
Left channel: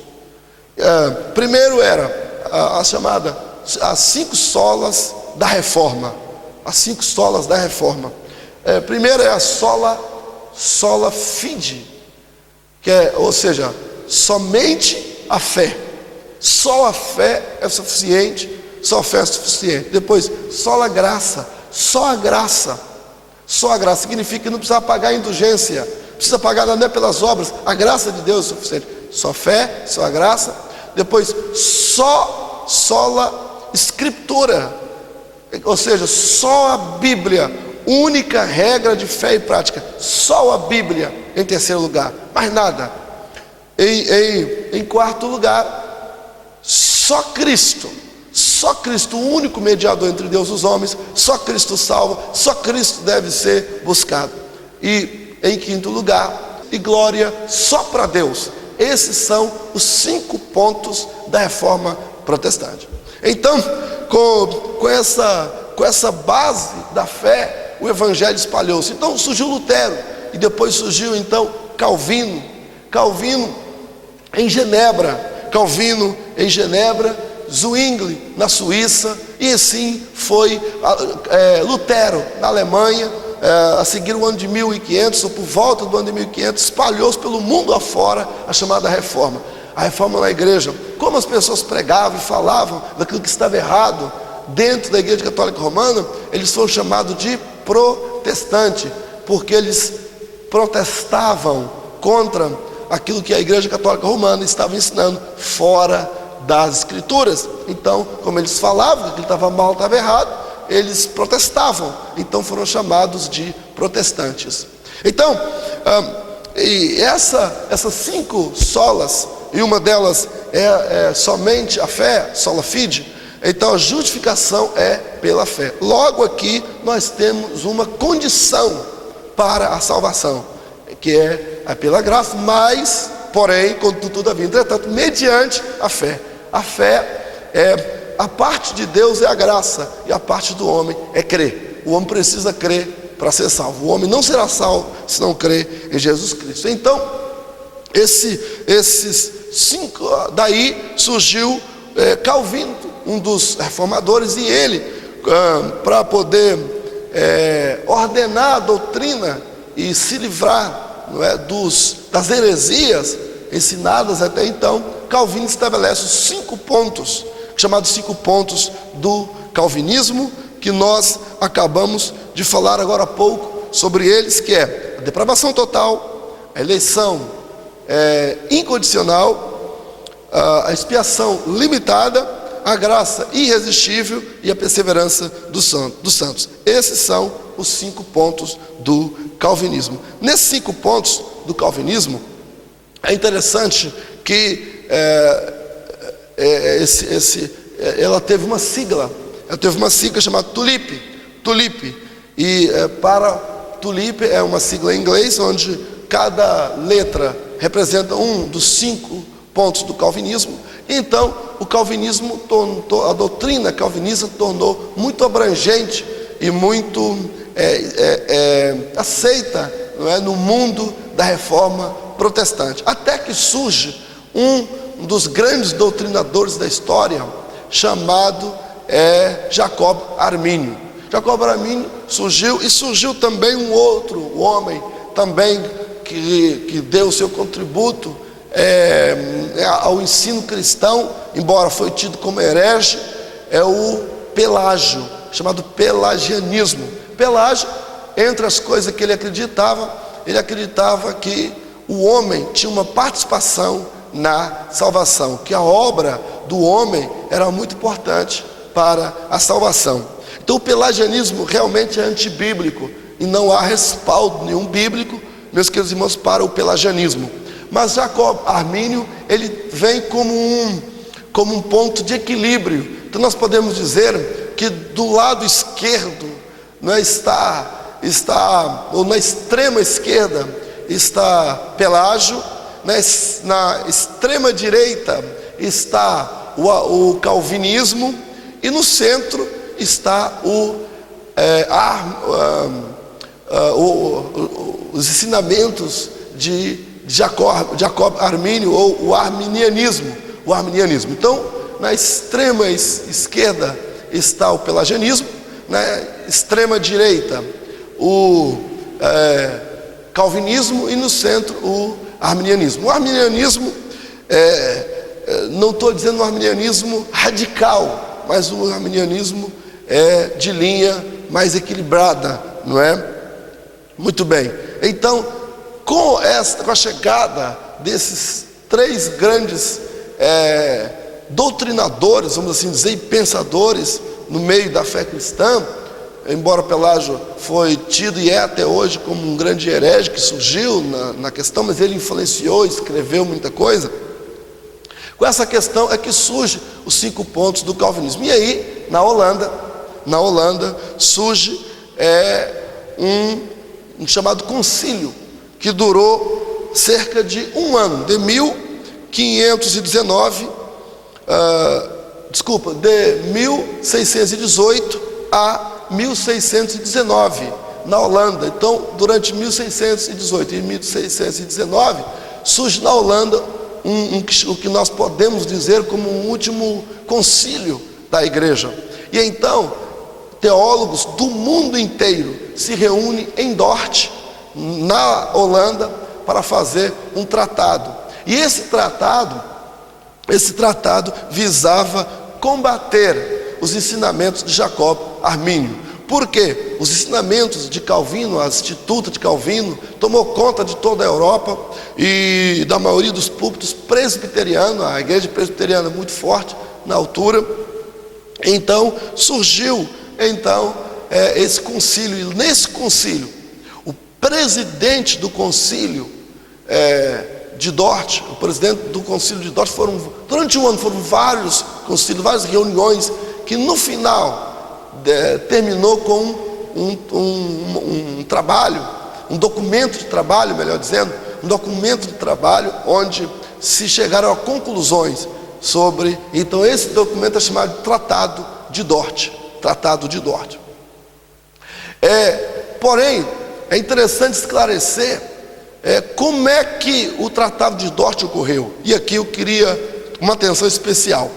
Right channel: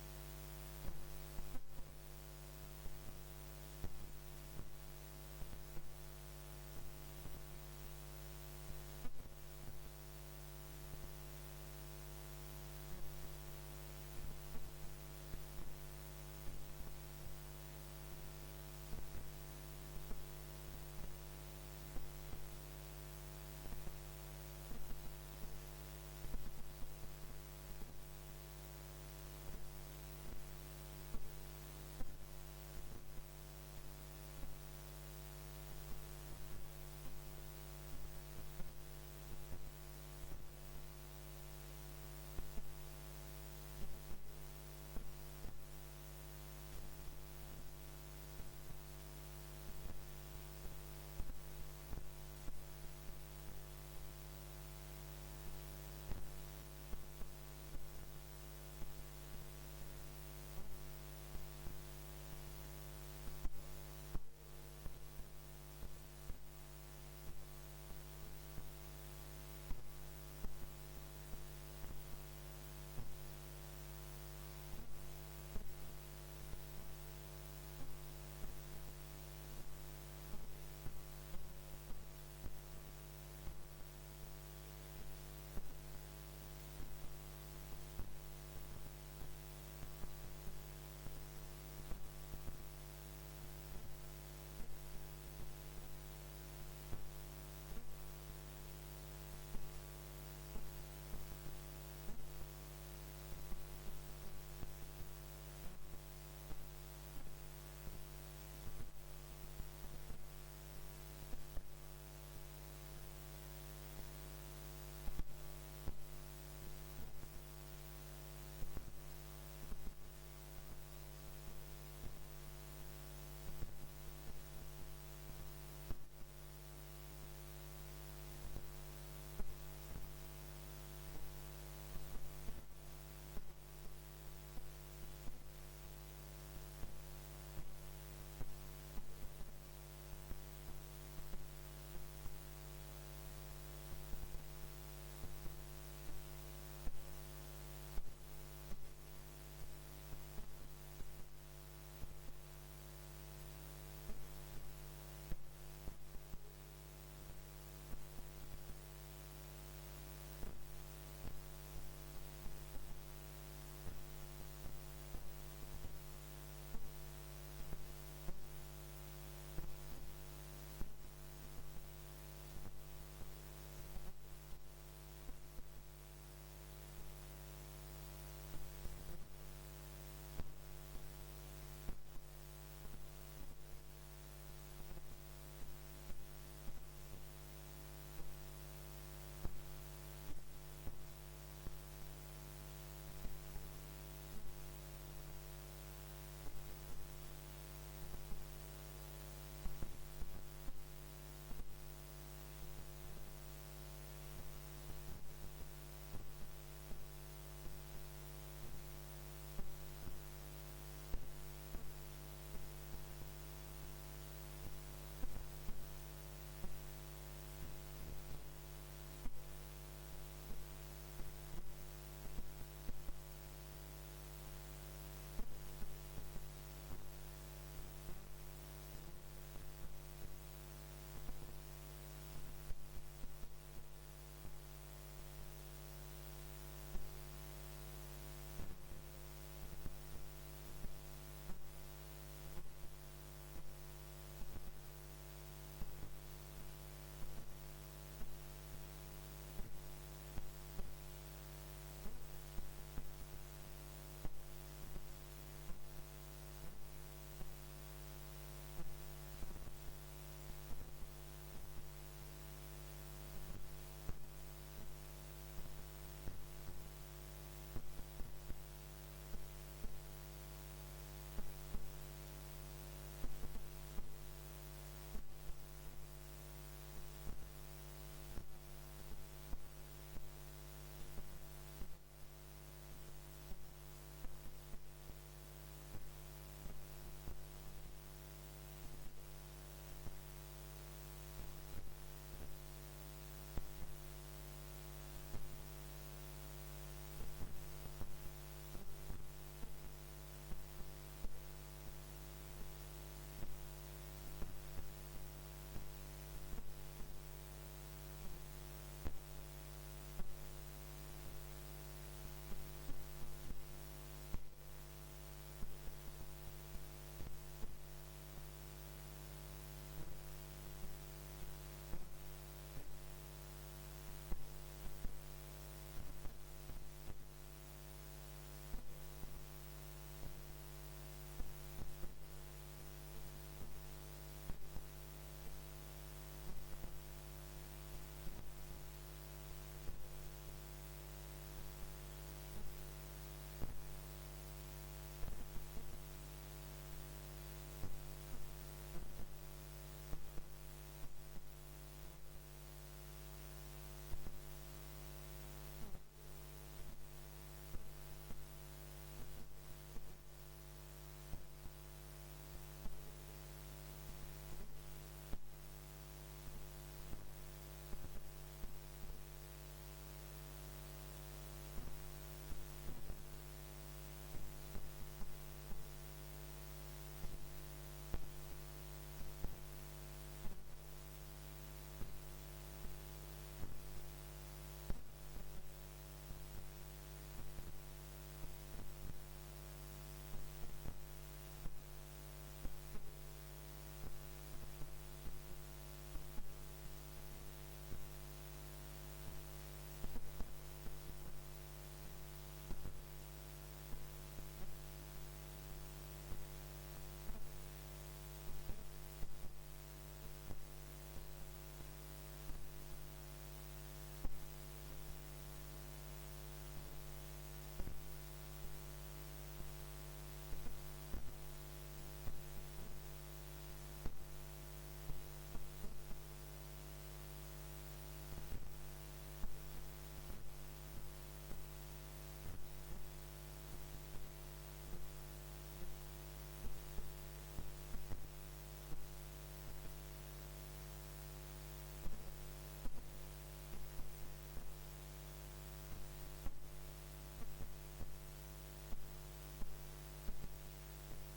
Primeiro era as 5 solas da reforma. As 5 solas da reforma. Primeiro é a sola fide, ou seja, somente a fé. Só a fé é suficiente. Só a fé é suficiente. Depois, sola graça. Só a graça. Só a graça significa que não precisa pagar a indulgência, precisa pagar não é pelas obras, a graça de Deus é suficiente. Só fé, só a graça. Depois, sola escritura, ou seja, só a Bíblia, única regra de fé e prática. Só a Bíblia em terceiro lugar, mais nada. Em quarto lugar, só Cristo, o único mediador entre Deus e os homens. Só Cristo salva, só Cristo deve ser buscado. E em quinto lugar, e glória só para Deus. Esses são os 5 pontos da reforma protestante. Então, com essa base da fé, o evangelho espalhou-se. Então surgiu Lutero, e depois surgiu então Calvino em Genebra, Zwingli na Suíça, e assim foi Lutero na Alemanha. A seguir o ano de 1500, ou por volta do ano de 1500, espalhou-se pelo mundo afora a chamada reforma. A reforma na igreja, como as pessoas pregavam e falavam daquilo que estava errado dentro da Igreja Católica Romana, eles foram chamados de protestante, porque eles protestavam contra aquilo que a Igreja Católica Romana estava ensinando fora das Escrituras. Então, como eles falavam que aquilo estava mal, estava errado, eles protestavam. Então foram chamados de protestantes. Então, e essas 5 solas, e uma delas é somente a fé, sola fide. Então a justificação é pela fé. Logo aqui nós temos uma condição para a salvação, que é pela graça, mas, porém, contudo, todavia, entretanto, mediante a fé. A fé a parte de Deus é a graça, e a parte do homem é crer. O homem precisa crer para ser salvo. O homem não será salvo se não crer em Jesus Cristo. Então, esses 5, daí surgiu Calvino, um dos reformadores, e ele, para poder ordenar a doutrina e se livrar, não é, das heresias, ensinadas até então, Calvino estabelece os 5 pontos, chamados 5 pontos do calvinismo, que nós acabamos de falar agora há pouco sobre eles, que é a depravação total, a eleição incondicional, a expiação limitada, a graça irresistível e a perseverança dos santos. Esses são os 5 pontos do calvinismo. Nesses 5 pontos do calvinismo, é interessante que ela teve uma sigla chamada TULIP, e para TULIP é uma sigla em inglês, onde cada letra representa um dos 5 pontos do calvinismo. Então, o calvinismo, a doutrina calvinista tornou muito abrangente e muito aceita, não é, no mundo da reforma protestante. Até que surge um dos grandes doutrinadores da história, chamado Jacob Armínio. Jacob Armínio surgiu também um outro homem, também que deu o seu contributo ao ensino cristão, embora foi tido como herege, é o Pelágio, chamado pelagianismo. Pelágio, entre as coisas que ele acreditava que o homem tinha uma participação na salvação, que a obra do homem era muito importante para a salvação. Então o pelagianismo realmente é antibíblico e não há respaldo nenhum bíblico, meus queridos irmãos, para o pelagianismo. Mas Jacob Armínio, ele vem como um ponto de equilíbrio. Então nós podemos dizer que do lado esquerdo, ou na extrema esquerda está Pelágio, na extrema direita está o calvinismo, e no centro está os ensinamentos de Jacob Armínio, ou o arminianismo. Então, na extrema esquerda está o pelagianismo, na extrema direita o calvinismo, e no centro o arminianismo. O arminianismo, não estou dizendo um arminianismo radical, mas um arminianismo de linha mais equilibrada, não é? Muito bem. Então, com a chegada desses 3 grandes doutrinadores, vamos assim dizer, e pensadores no meio da fé cristã, embora Pelágio foi tido e é até hoje como um grande herege que surgiu na questão, mas ele influenciou, escreveu muita coisa. Com essa questão é que surge os 5 pontos do calvinismo. E aí, na Holanda surge um chamado concílio, que durou cerca de um ano, de 1618 a 1619, na Holanda. Então, durante 1618 e 1619, surge na Holanda o que nós podemos dizer como um último concílio da igreja. E então, teólogos do mundo inteiro se reúnem em Dort, na Holanda, para fazer um tratado. E esse tratado visava combater os ensinamentos de Jacob Armínio. Por quê? Os ensinamentos de Calvino, a Instituta de Calvino, tomou conta de toda a Europa e da maioria dos púlpitos presbiterianos. A igreja presbiteriana muito forte na altura. Então surgiu esse concílio, e nesse concílio o presidente do concílio de Dort, o presidente do concílio de Dort, durante um ano foram vários concílios, várias reuniões, que no final terminou com um trabalho, um documento de trabalho, melhor dizendo, um documento de trabalho onde se chegaram a conclusões sobre. Então esse documento é chamado de Tratado de Dort. Porém, é interessante esclarecer como é que o Tratado de Dort ocorreu. E aqui eu queria uma atenção especial.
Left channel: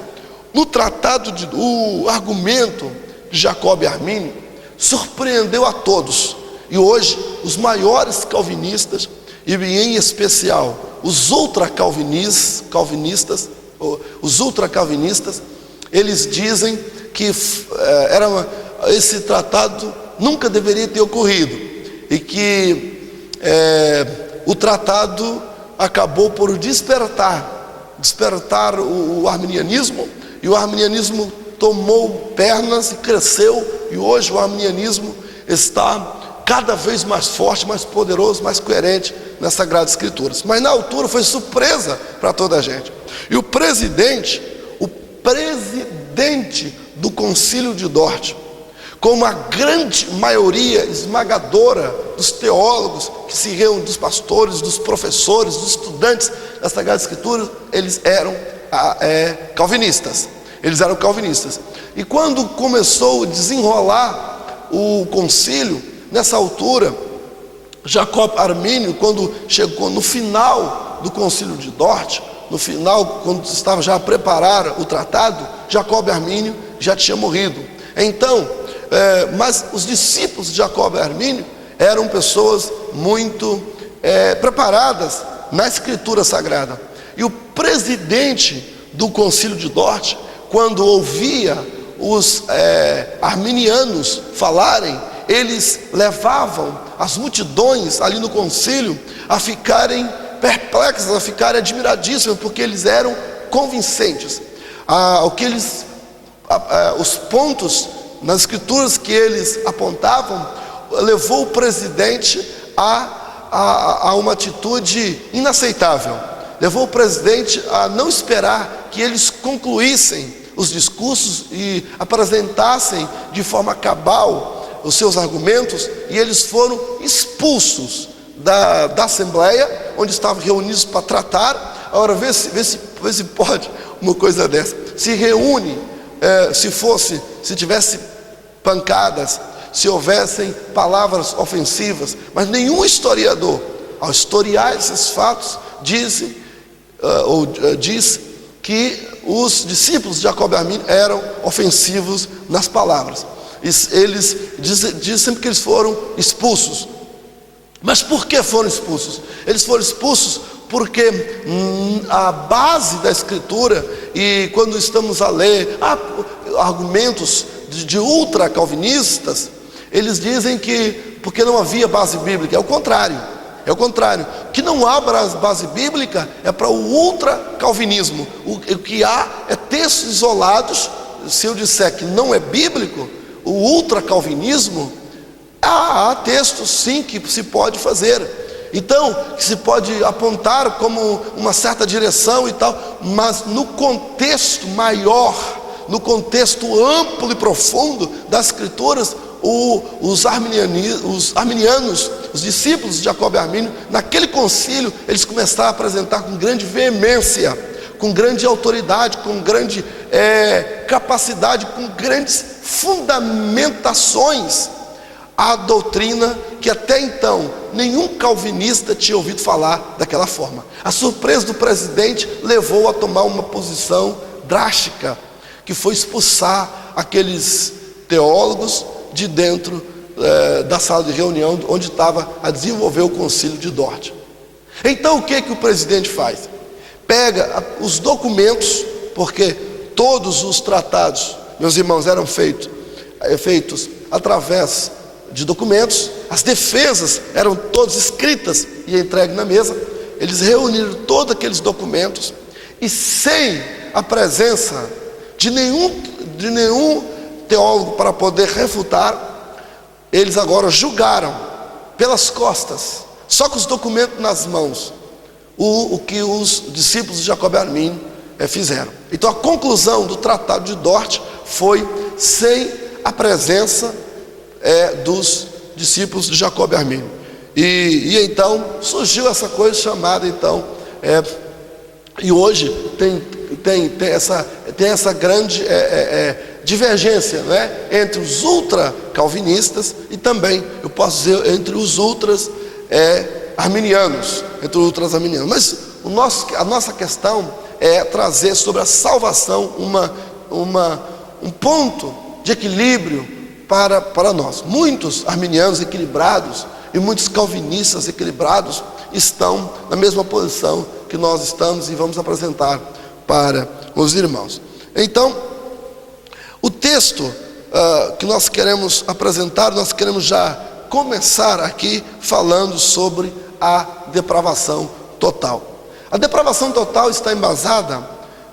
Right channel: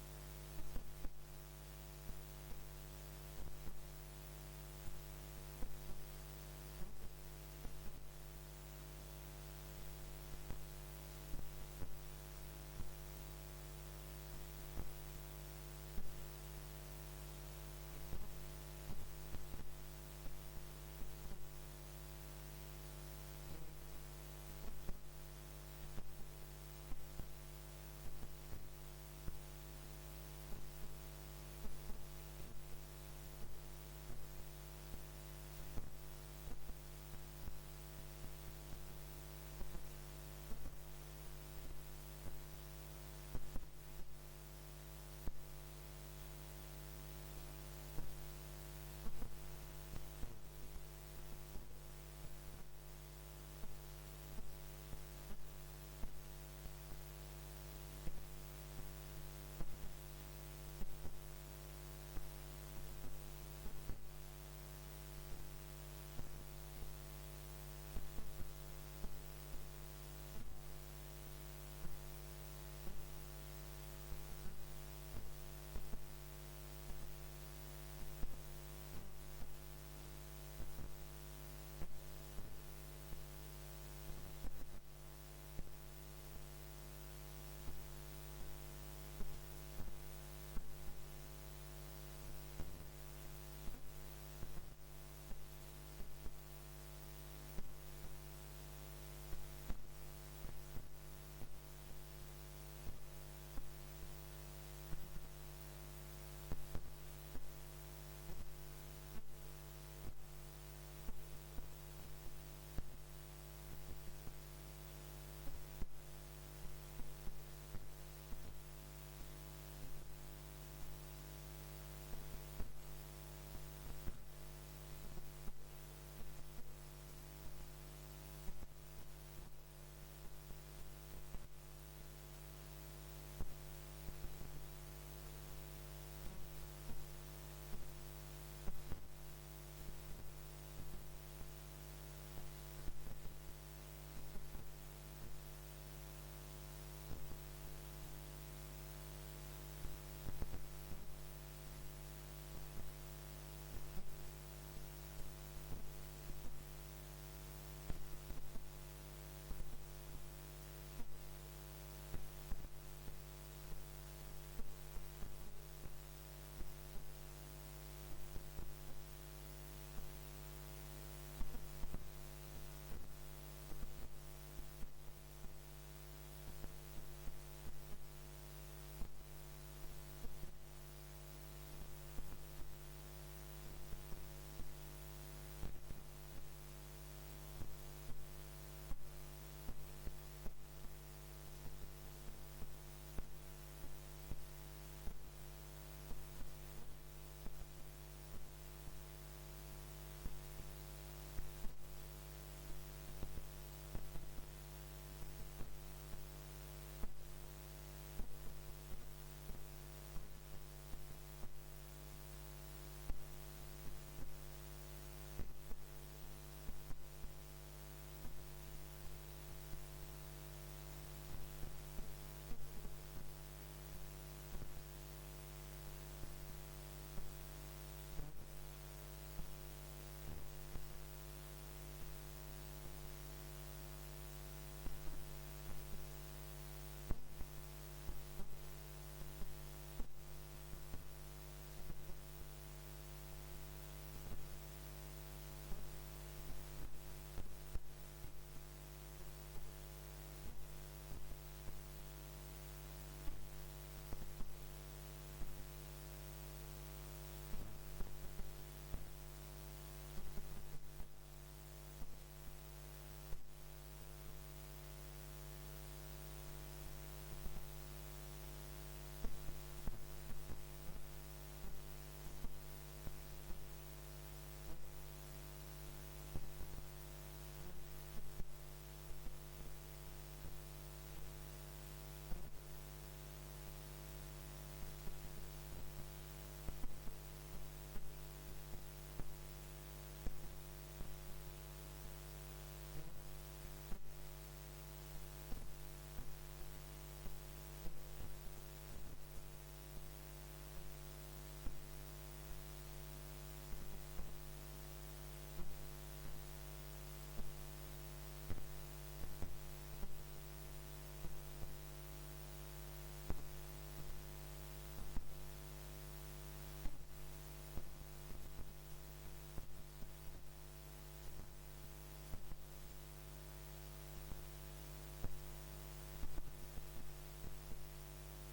No tratado, o argumento de Jacob Armínio surpreendeu a todos. E hoje, os maiores calvinistas, e em especial os ultracalvinistas, eles dizem que esse tratado nunca deveria ter ocorrido e que o tratado acabou por despertar o arminianismo, e o arminianismo tomou pernas e cresceu, e hoje o arminianismo está cada vez mais forte, mais poderoso, mais coerente nas Sagradas Escrituras. Mas na altura foi surpresa para toda a gente. E o presidente do Concílio de Dort, como a grande maioria esmagadora dos teólogos que se reúnem, dos pastores, dos professores, dos estudantes das Sagradas Escrituras, eles eram calvinistas. E quando começou a desenrolar o concílio, nessa altura, Jacob Armínio, quando chegou no final do Concílio de Dort, no final, quando estava já a preparar o tratado, Jacob Armínio já tinha morrido. Então, mas os discípulos de Jacob Armínio eram pessoas muito preparadas na Escritura Sagrada. E o presidente do Concílio de Dort, quando ouvia os arminianos falarem, eles levavam as multidões ali no concílio a ficarem perplexas, a ficarem admiradíssimas, porque eles eram convincentes. Os pontos nas escrituras que eles apontavam levou o presidente a uma atitude inaceitável. Levou o presidente a não esperar que eles concluíssem os discursos e apresentassem de forma cabal os seus argumentos, e eles foram expulsos da Assembleia, onde estavam reunidos para tratar. Agora vê se pode uma coisa dessa. Se reúne, se tivesse pancadas, se houvessem palavras ofensivas, mas nenhum historiador, ao historiar esses fatos, diz que os discípulos de Jacob Armínio eram ofensivos nas palavras. Eles dizem sempre que eles foram expulsos. Mas por que foram expulsos? Eles foram expulsos porque a base da Escritura, e quando estamos a ler argumentos de ultra-calvinistas, eles dizem que porque não havia base bíblica. É o contrário. Que não há base bíblica é para o ultra-calvinismo. O que há é textos isolados. Se eu disser que não é bíblico, o ultra-calvinismo, há textos sim que se pode fazer, então que se pode apontar como uma certa direção e tal, mas no contexto maior, no contexto amplo e profundo das Escrituras, os arminianos, os discípulos de Jacob Armínio, naquele concílio, eles começaram a apresentar com grande veemência, com grande autoridade, com grande capacidade, com grandes fundamentações, a doutrina que até então nenhum calvinista tinha ouvido falar daquela forma. A surpresa do presidente levou a tomar uma posição drástica, que foi expulsar aqueles teólogos de dentro da sala de reunião onde estava a desenvolver o concílio de Dort. Então o que o presidente faz? Pega os documentos, porque todos os tratados, meus irmãos, eram feitos através de documentos. As defesas eram todas escritas e entregues na mesa. Eles reuniram todos aqueles documentos e, sem a presença de nenhum teólogo para poder refutar, eles agora julgaram pelas costas, só com os documentos nas mãos, o que os discípulos de Jacob Armínio fizeram. Então a conclusão do tratado de Dort foi sem a presença dos discípulos de Jacob Armínio. E então surgiu essa coisa chamada e hoje tem essa grande divergência, né, entre os ultra-calvinistas e também, eu posso dizer, entre os ultras arminianos, mas a nossa questão é trazer sobre a salvação um ponto de equilíbrio para nós. Muitos arminianos equilibrados, e muitos calvinistas equilibrados estão na mesma posição que nós estamos e vamos apresentar para os irmãos. Então, o texto que nós queremos apresentar, nós queremos já começar aqui falando sobre a depravação total. A depravação total está embasada,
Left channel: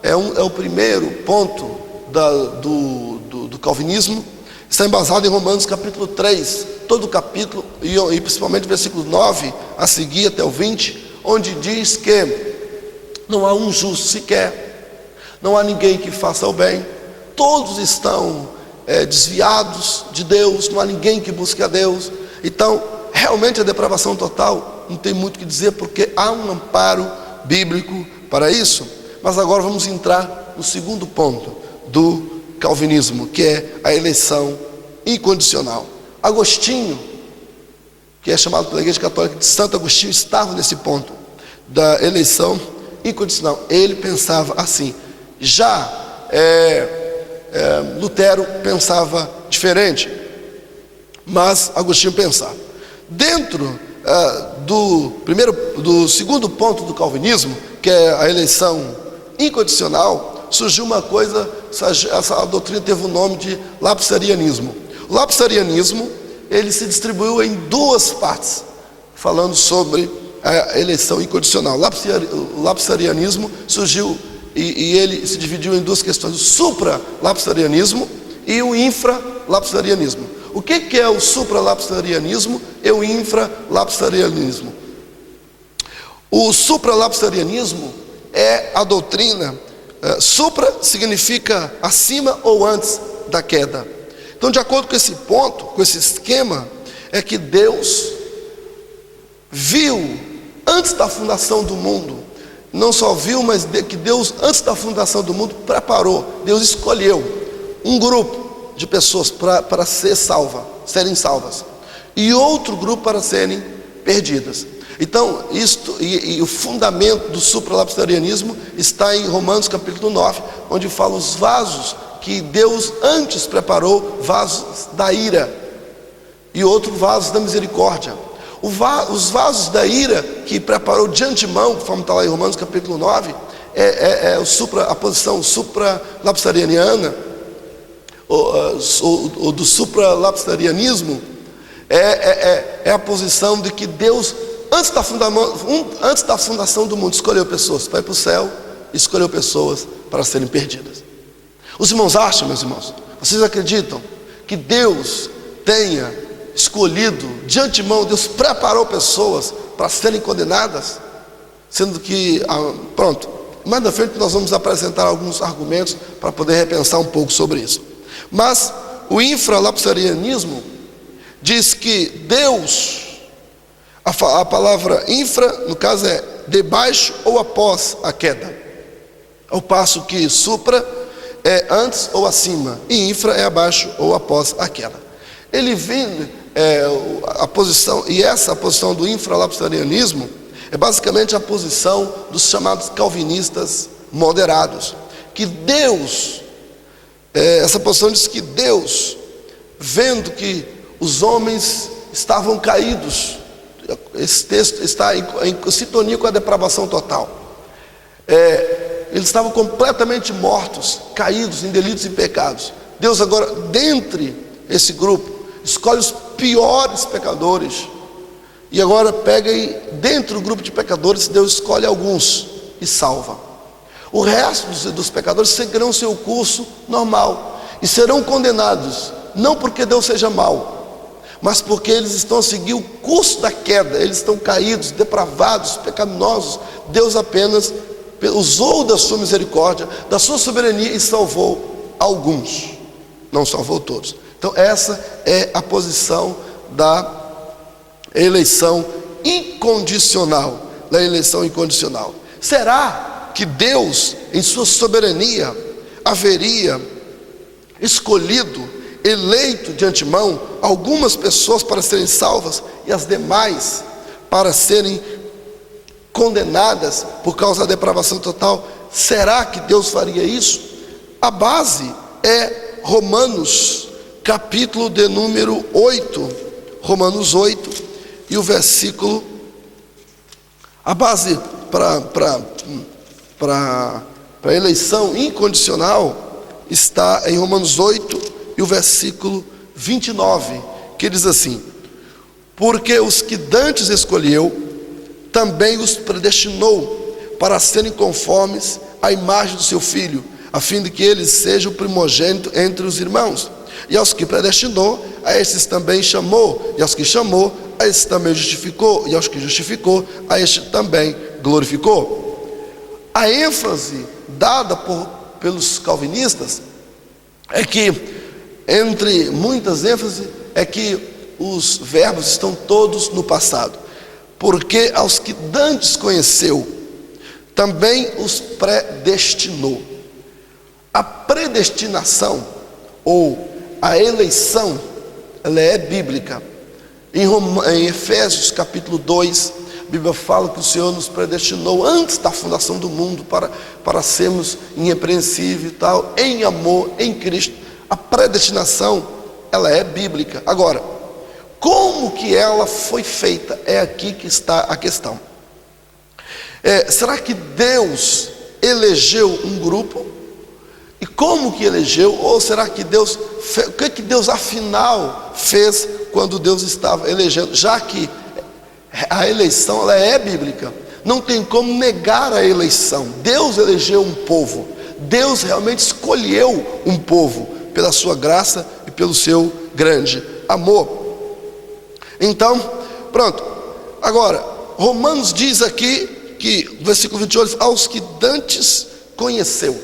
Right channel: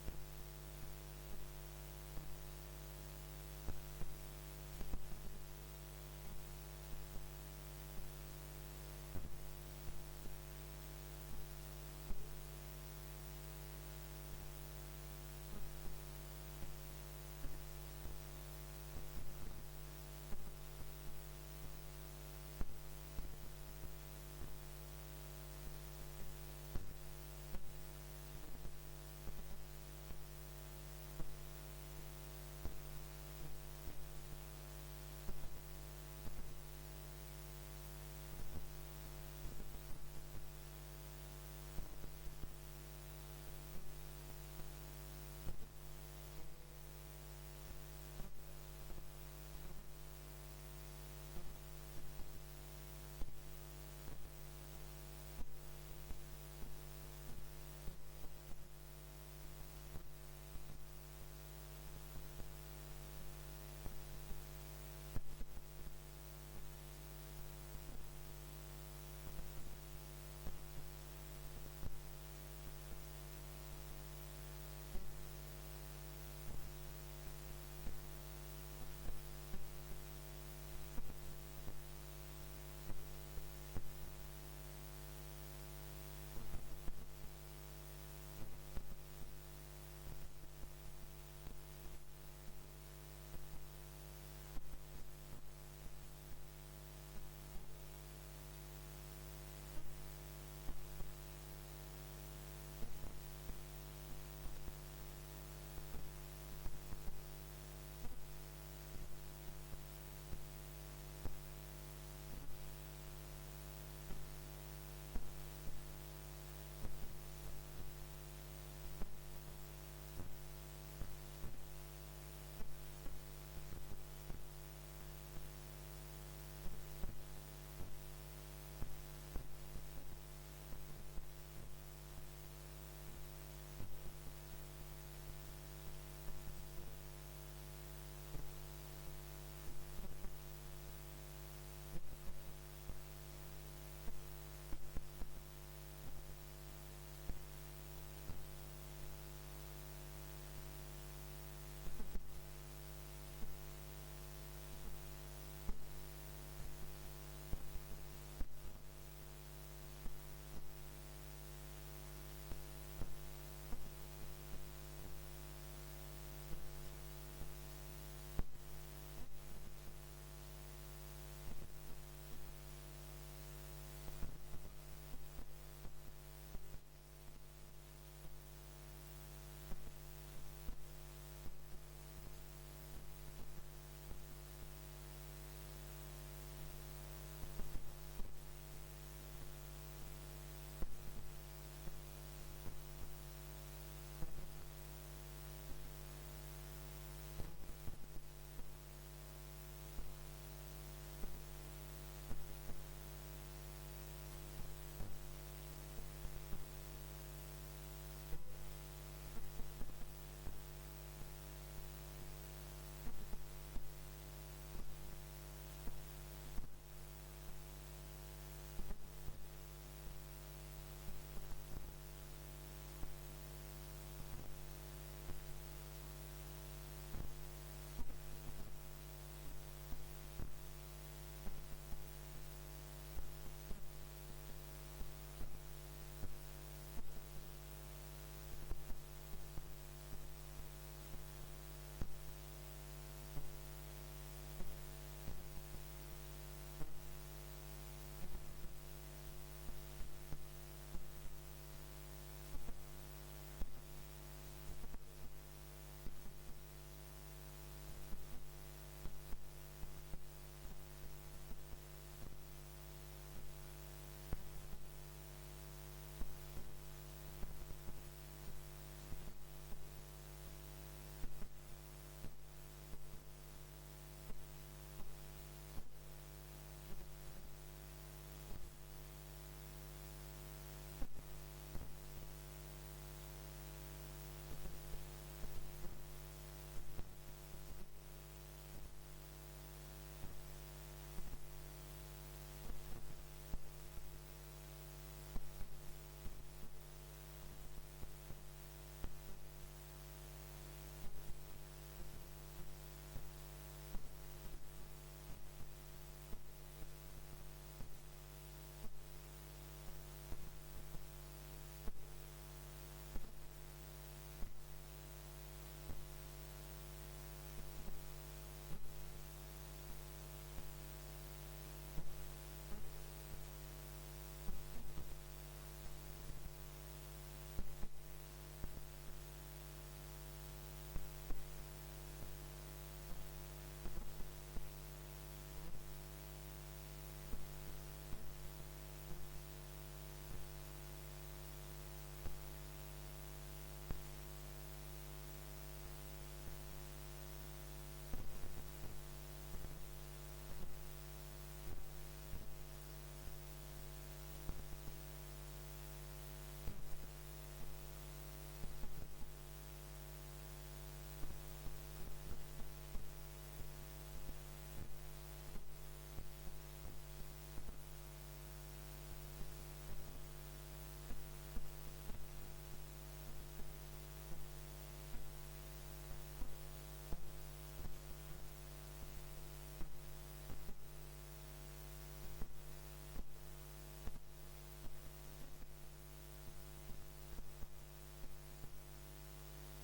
é o primeiro ponto do calvinismo, está embasado em Romanos capítulo 3, todo o capítulo, e principalmente versículo 9 a seguir até o 20, onde diz que não há um justo sequer, não há ninguém que faça o bem, todos estão desviados de Deus, não há ninguém que busque a Deus. Então, realmente a depravação total não tem muito o que dizer, porque há um amparo bíblico para isso. Mas agora vamos entrar no segundo ponto do calvinismo, que é a eleição incondicional. Agostinho, que é chamado pela Igreja Católica de Santo Agostinho, estava nesse ponto da eleição incondicional. Ele pensava assim. Já Lutero pensava diferente, mas Agostinho pensava. Dentro do segundo ponto do calvinismo, que é a eleição incondicional, surgiu uma coisa, essa doutrina teve o nome de lapsarianismo. O lapsarianismo, ele se distribuiu em duas partes, falando sobre a eleição incondicional. O lapsarianismo surgiu e ele se dividiu em duas questões: o supra-lapsarianismo e o infra-lapsarianismo. O que é o supra-lapsarianismo e o infra-lapsarianismo? O supra-lapsarianismo é a doutrina, supra significa acima ou antes da queda. Então, de acordo com esse ponto, com esse esquema, é que Deus viu antes da fundação do mundo, não só viu, mas que Deus antes da fundação do mundo preparou, Deus escolheu um grupo de pessoas para serem salvas, e outro grupo para serem perdidas. Então, o fundamento do supralapsarianismo está em Romanos capítulo 9, onde fala os vasos que Deus antes preparou, vasos da ira, e outro vasos da misericórdia. Os vasos da ira que preparou de antemão, conforme está lá em Romanos capítulo 9, a posição supralapsariana, ou do supralapsarianismo, é a posição de que Deus, antes da fundação do mundo, escolheu pessoas para ir para o céu, escolheu pessoas para serem perdidas. Os irmãos acham, meus irmãos, vocês acreditam que Deus tenha escolhido de antemão, Deus preparou pessoas para serem condenadas, sendo que, mais na frente nós vamos apresentar alguns argumentos para poder repensar um pouco sobre isso. Mas o infralapsarianismo diz que Deus, a palavra infra, no caso, é debaixo ou após a queda, ao passo que supra é antes ou acima, e infra é abaixo ou após a queda. Ele vem a posição, e essa posição do infralapsarianismo é basicamente a posição dos chamados calvinistas moderados, que Deus, essa posição diz que Deus, vendo que os homens estavam caídos, esse texto está em sintonia com a depravação total, eles estavam completamente mortos, caídos em delitos e pecados. Deus agora, dentre esse grupo, escolhe os piores pecadores, e agora pega e dentro do grupo de pecadores, Deus escolhe alguns e salva. O resto dos pecadores seguirão seu curso normal e serão condenados, não porque Deus seja mau, mas porque eles estão a seguir o curso da queda, eles estão caídos, depravados, pecaminosos. Deus apenas usou da sua misericórdia, da sua soberania, e salvou alguns, não salvou todos. Então essa é a posição da eleição incondicional, Será que Deus, em sua soberania, haveria escolhido, eleito de antemão, algumas pessoas para serem salvas e as demais para serem condenadas por causa da depravação total? Será que Deus faria isso? A base é Romanos capítulo de número 8, Romanos 8, e o versículo, a base para a eleição incondicional está em Romanos 8 e o versículo 29, que diz assim: porque os que dantes escolheu, também os predestinou para serem conformes à imagem do seu Filho, a fim de que ele seja o primogênito entre os irmãos. E aos que predestinou, a estes também chamou, e aos que chamou, a estes também justificou, e aos que justificou, a estes também glorificou. A ênfase dada pelos calvinistas é que, entre muitas ênfases, é que os verbos estão todos no passado. Porque aos que dantes conheceu, também os predestinou. A predestinação ou a eleição, ela é bíblica. Em Efésios capítulo 2, a Bíblia fala que o Senhor nos predestinou antes da fundação do mundo para sermos irrepreensíveis e tal, em amor, em Cristo. A predestinação, ela é bíblica. Agora, como que ela foi feita? É aqui que está a questão. Será que Deus elegeu um grupo? E como que elegeu? Ou será que Deus o que Deus afinal fez quando Deus estava elegendo? Já que a eleição, ela é bíblica, não tem como negar a eleição. Deus elegeu um povo, Deus realmente escolheu um povo pela sua graça e pelo seu grande amor. Então, pronto. Agora, Romanos diz aqui que, versículo 28, aos que dantes conheceu.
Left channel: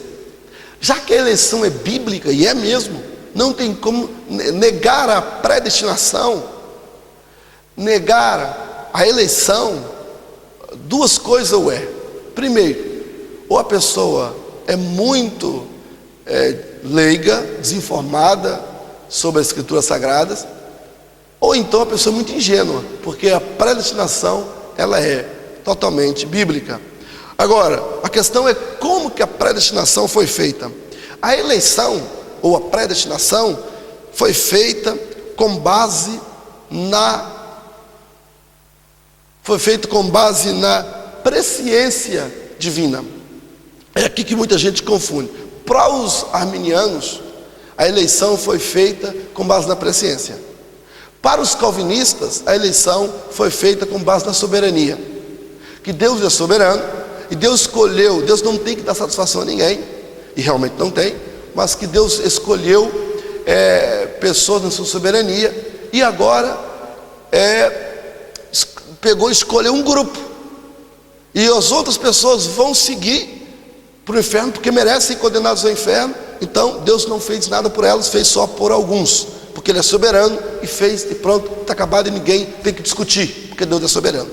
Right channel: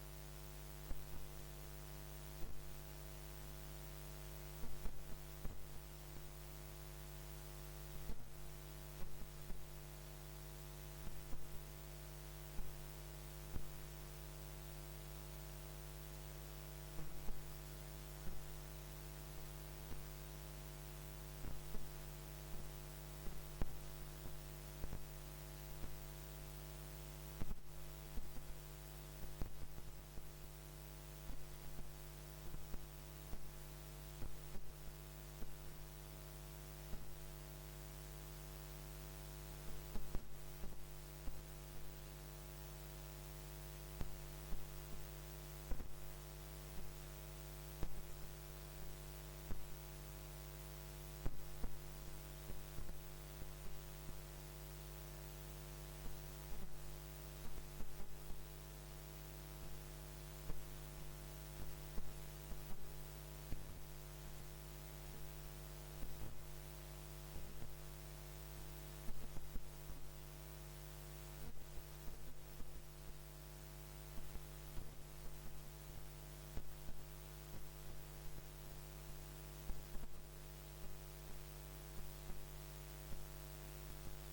Já que a eleição é bíblica, e é mesmo, não tem como negar a predestinação, negar a eleição. Duas coisas ou é. Primeiro, ou a pessoa é muito leiga, desinformada sobre as escrituras sagradas, ou então a pessoa é muito ingênua, porque a predestinação, ela é totalmente bíblica. Agora, a questão é como que a predestinação foi feita. A eleição, ou a predestinação, foi feita com base na presciência divina. É aqui que muita gente confunde. Para os arminianos, a eleição foi feita com base na presciência. Para os calvinistas, a eleição foi feita com base na soberania. Que Deus é soberano, e Deus escolheu, Deus não tem que dar satisfação a ninguém, e realmente não tem, mas que Deus escolheu pessoas na sua soberania, e agora escolheu um grupo, e as outras pessoas vão seguir para o inferno, porque merecem ser condenados ao inferno. Então Deus não fez nada por elas, fez só por alguns, porque Ele é soberano, e fez, e pronto, está acabado, e ninguém tem que discutir, porque Deus é soberano.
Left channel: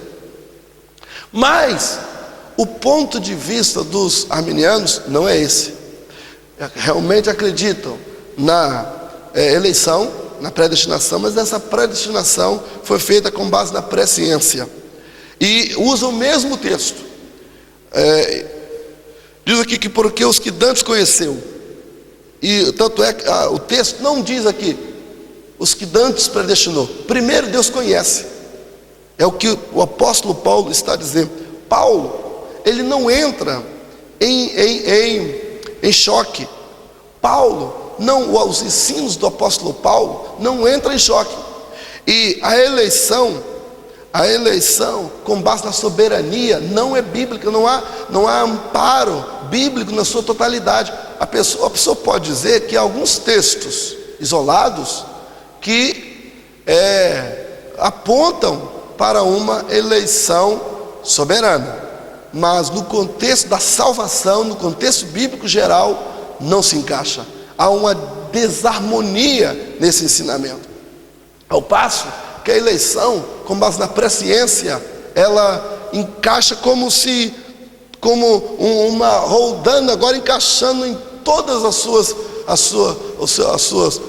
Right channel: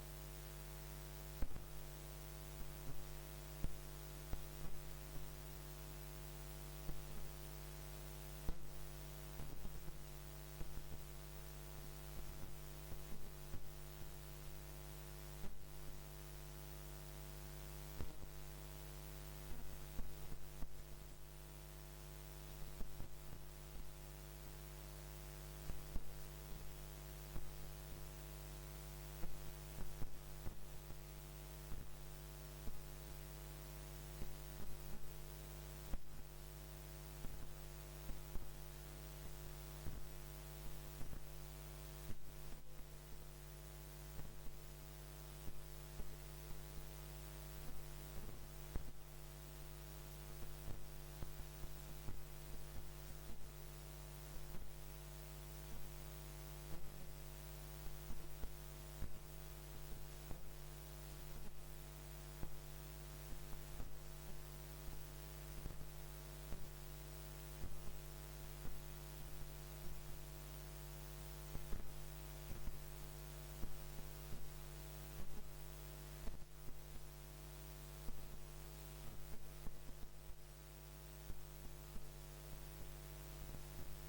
Mas o ponto de vista dos arminianos não é esse. Realmente acreditam na eleição, na predestinação, mas essa predestinação foi feita com base na presciência, e usa o mesmo texto. Diz aqui que porque os que dantes conheceu, e tanto é que o texto não diz aqui os que dantes predestinou. Primeiro Deus conhece, é o que o apóstolo Paulo está dizendo. Paulo, ele não entra em choque. Paulo, não, os ensinos do apóstolo Paulo não entram em choque. E a eleição com base na soberania não é bíblica, não há amparo bíblico na sua totalidade. A pessoa pode dizer que há alguns textos isolados que apontam para uma eleição soberana, mas no contexto da salvação, no contexto bíblico geral, não se encaixa. Há uma desarmonia nesse ensinamento, ao passo que a eleição com base na presciência, ela encaixa como uma roldana, agora encaixando em todas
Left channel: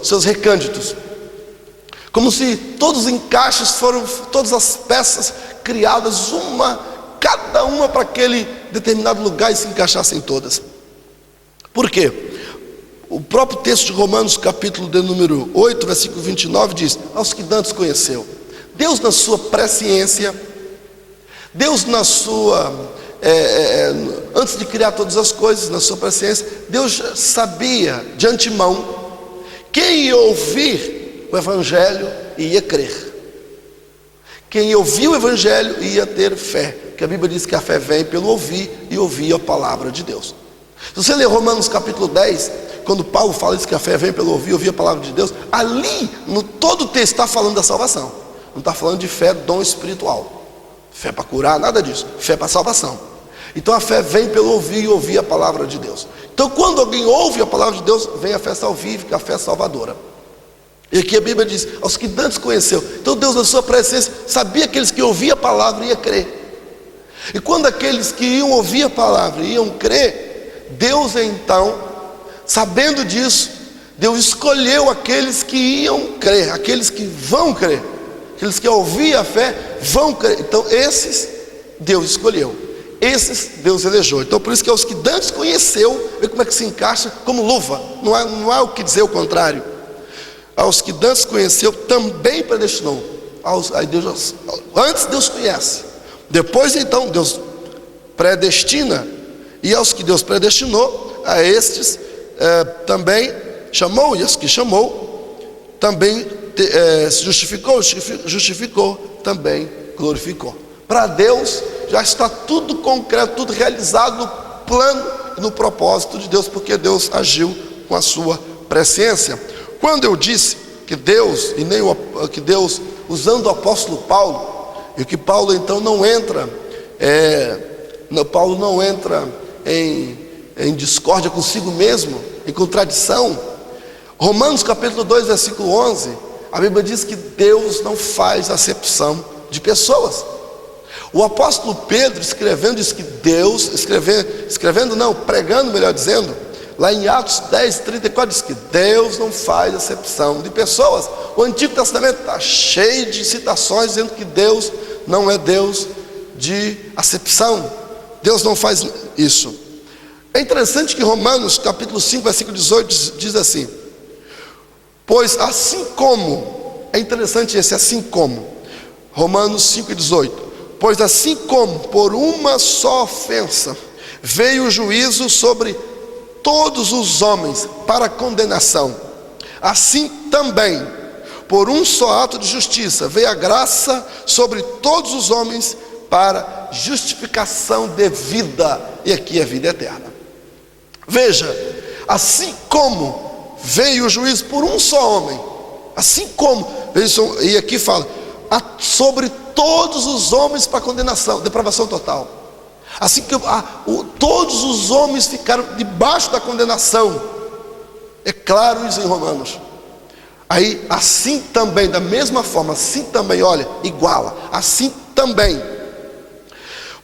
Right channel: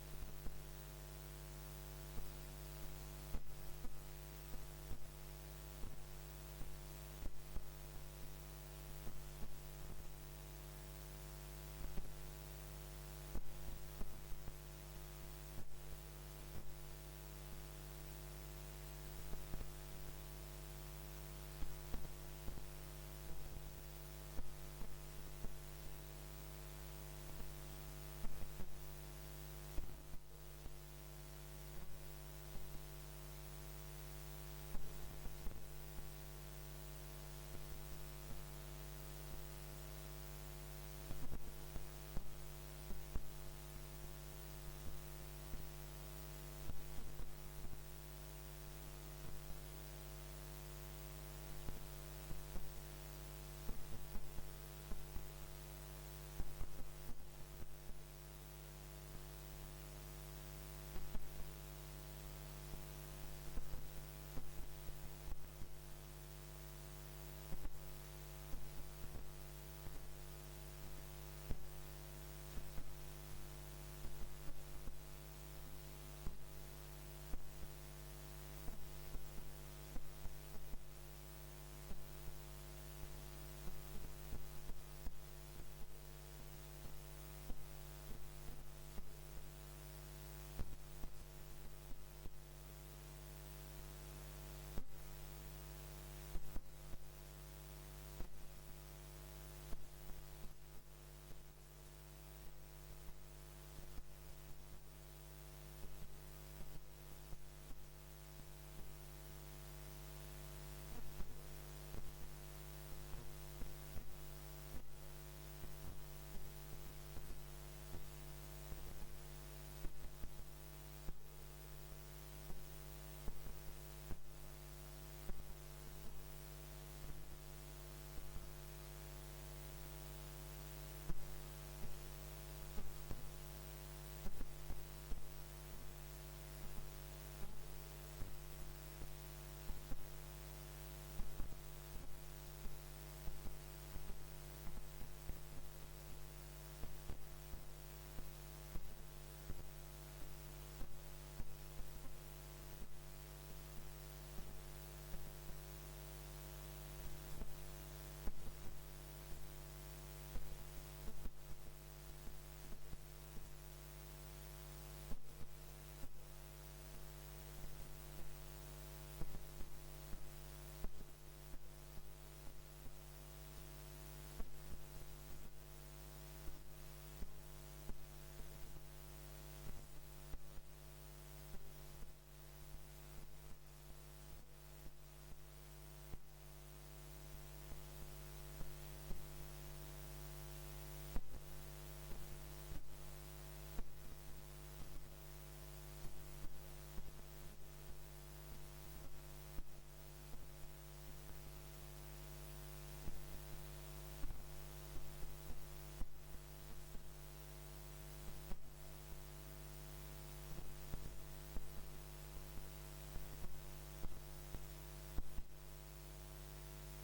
seus recânditos, como se todos os encaixes foram, todas as peças criadas, cada uma para aquele determinado lugar, e se encaixassem todas. Por quê? O próprio texto de Romanos, capítulo de número 8, versículo 29, diz: aos que dantes conheceu. Deus na sua presciência, Deus na sua, antes de criar todas as coisas, na sua presciência, Deus sabia de antemão quem ia ouvir o Evangelho e ia crer. Quem ouviu o Evangelho ia ter fé, porque a Bíblia diz que a fé vem pelo ouvir e ouvir a palavra de Deus. Se você ler Romanos capítulo 10, quando Paulo fala isso, que a fé vem pelo ouvir e ouvir a palavra de Deus, ali, no todo o texto está falando da salvação. Não está falando de fé, dom espiritual, fé para curar, nada disso, fé para salvação. Então a fé vem pelo ouvir e ouvir a palavra de Deus. Então quando alguém ouve a palavra de Deus, vem a fé salvífica, a fé salvadora. E aqui a Bíblia diz, aos que dantes conheceu. Então Deus na sua presciência sabia que aqueles que ouviam a palavra iam crer. E quando aqueles que iam ouvir a palavra iam crer, Deus então, sabendo disso, Deus escolheu aqueles que iam crer, aqueles que vão crer, aqueles que ao ouvir a fé vão crer. Então esses Deus escolheu, esses Deus elegeu. Então por isso que aos que dantes conheceu, vê como é que se encaixa como luva. Não há o que dizer o contrário. Aos que dantes conheceu, também predestinou. Antes Deus conhece, depois então Deus predestina. E aos que Deus predestinou, a estes também chamou. E aos que chamou, também se justificou, também glorificou. Para Deus já está tudo concreto, tudo realizado no plano e no propósito de Deus, porque Deus agiu com a sua presciência. Quando eu disse que Deus, que Deus, usando o apóstolo Paulo, e que Paulo então não entra, Paulo não entra em discórdia consigo mesmo, em contradição. Romanos capítulo 2, versículo 11, a Bíblia diz que Deus não faz acepção de pessoas. O apóstolo Pedro escrevendo diz que Deus, pregando melhor dizendo, lá em Atos 10, 34 diz que Deus não faz acepção de pessoas. O Antigo Testamento está cheio de citações dizendo que Deus não é Deus de acepção. Deus não faz isso. É interessante que Romanos capítulo 5, versículo 18 diz assim: pois assim como, é interessante esse assim como, Romanos 5, 18, pois assim como por uma só ofensa veio o juízo sobre todos os homens para condenação, assim também por um só ato de justiça veio a graça sobre todos os homens para justificação de vida, e aqui é vida eterna. Veja, assim como veio o juízo por um só homem, assim como, e aqui fala, sobre todos os homens para condenação, depravação total. Assim que todos os homens ficaram debaixo da condenação. É claro isso em Romanos. Aí, assim também, da mesma forma, assim também, olha, iguala. Assim também,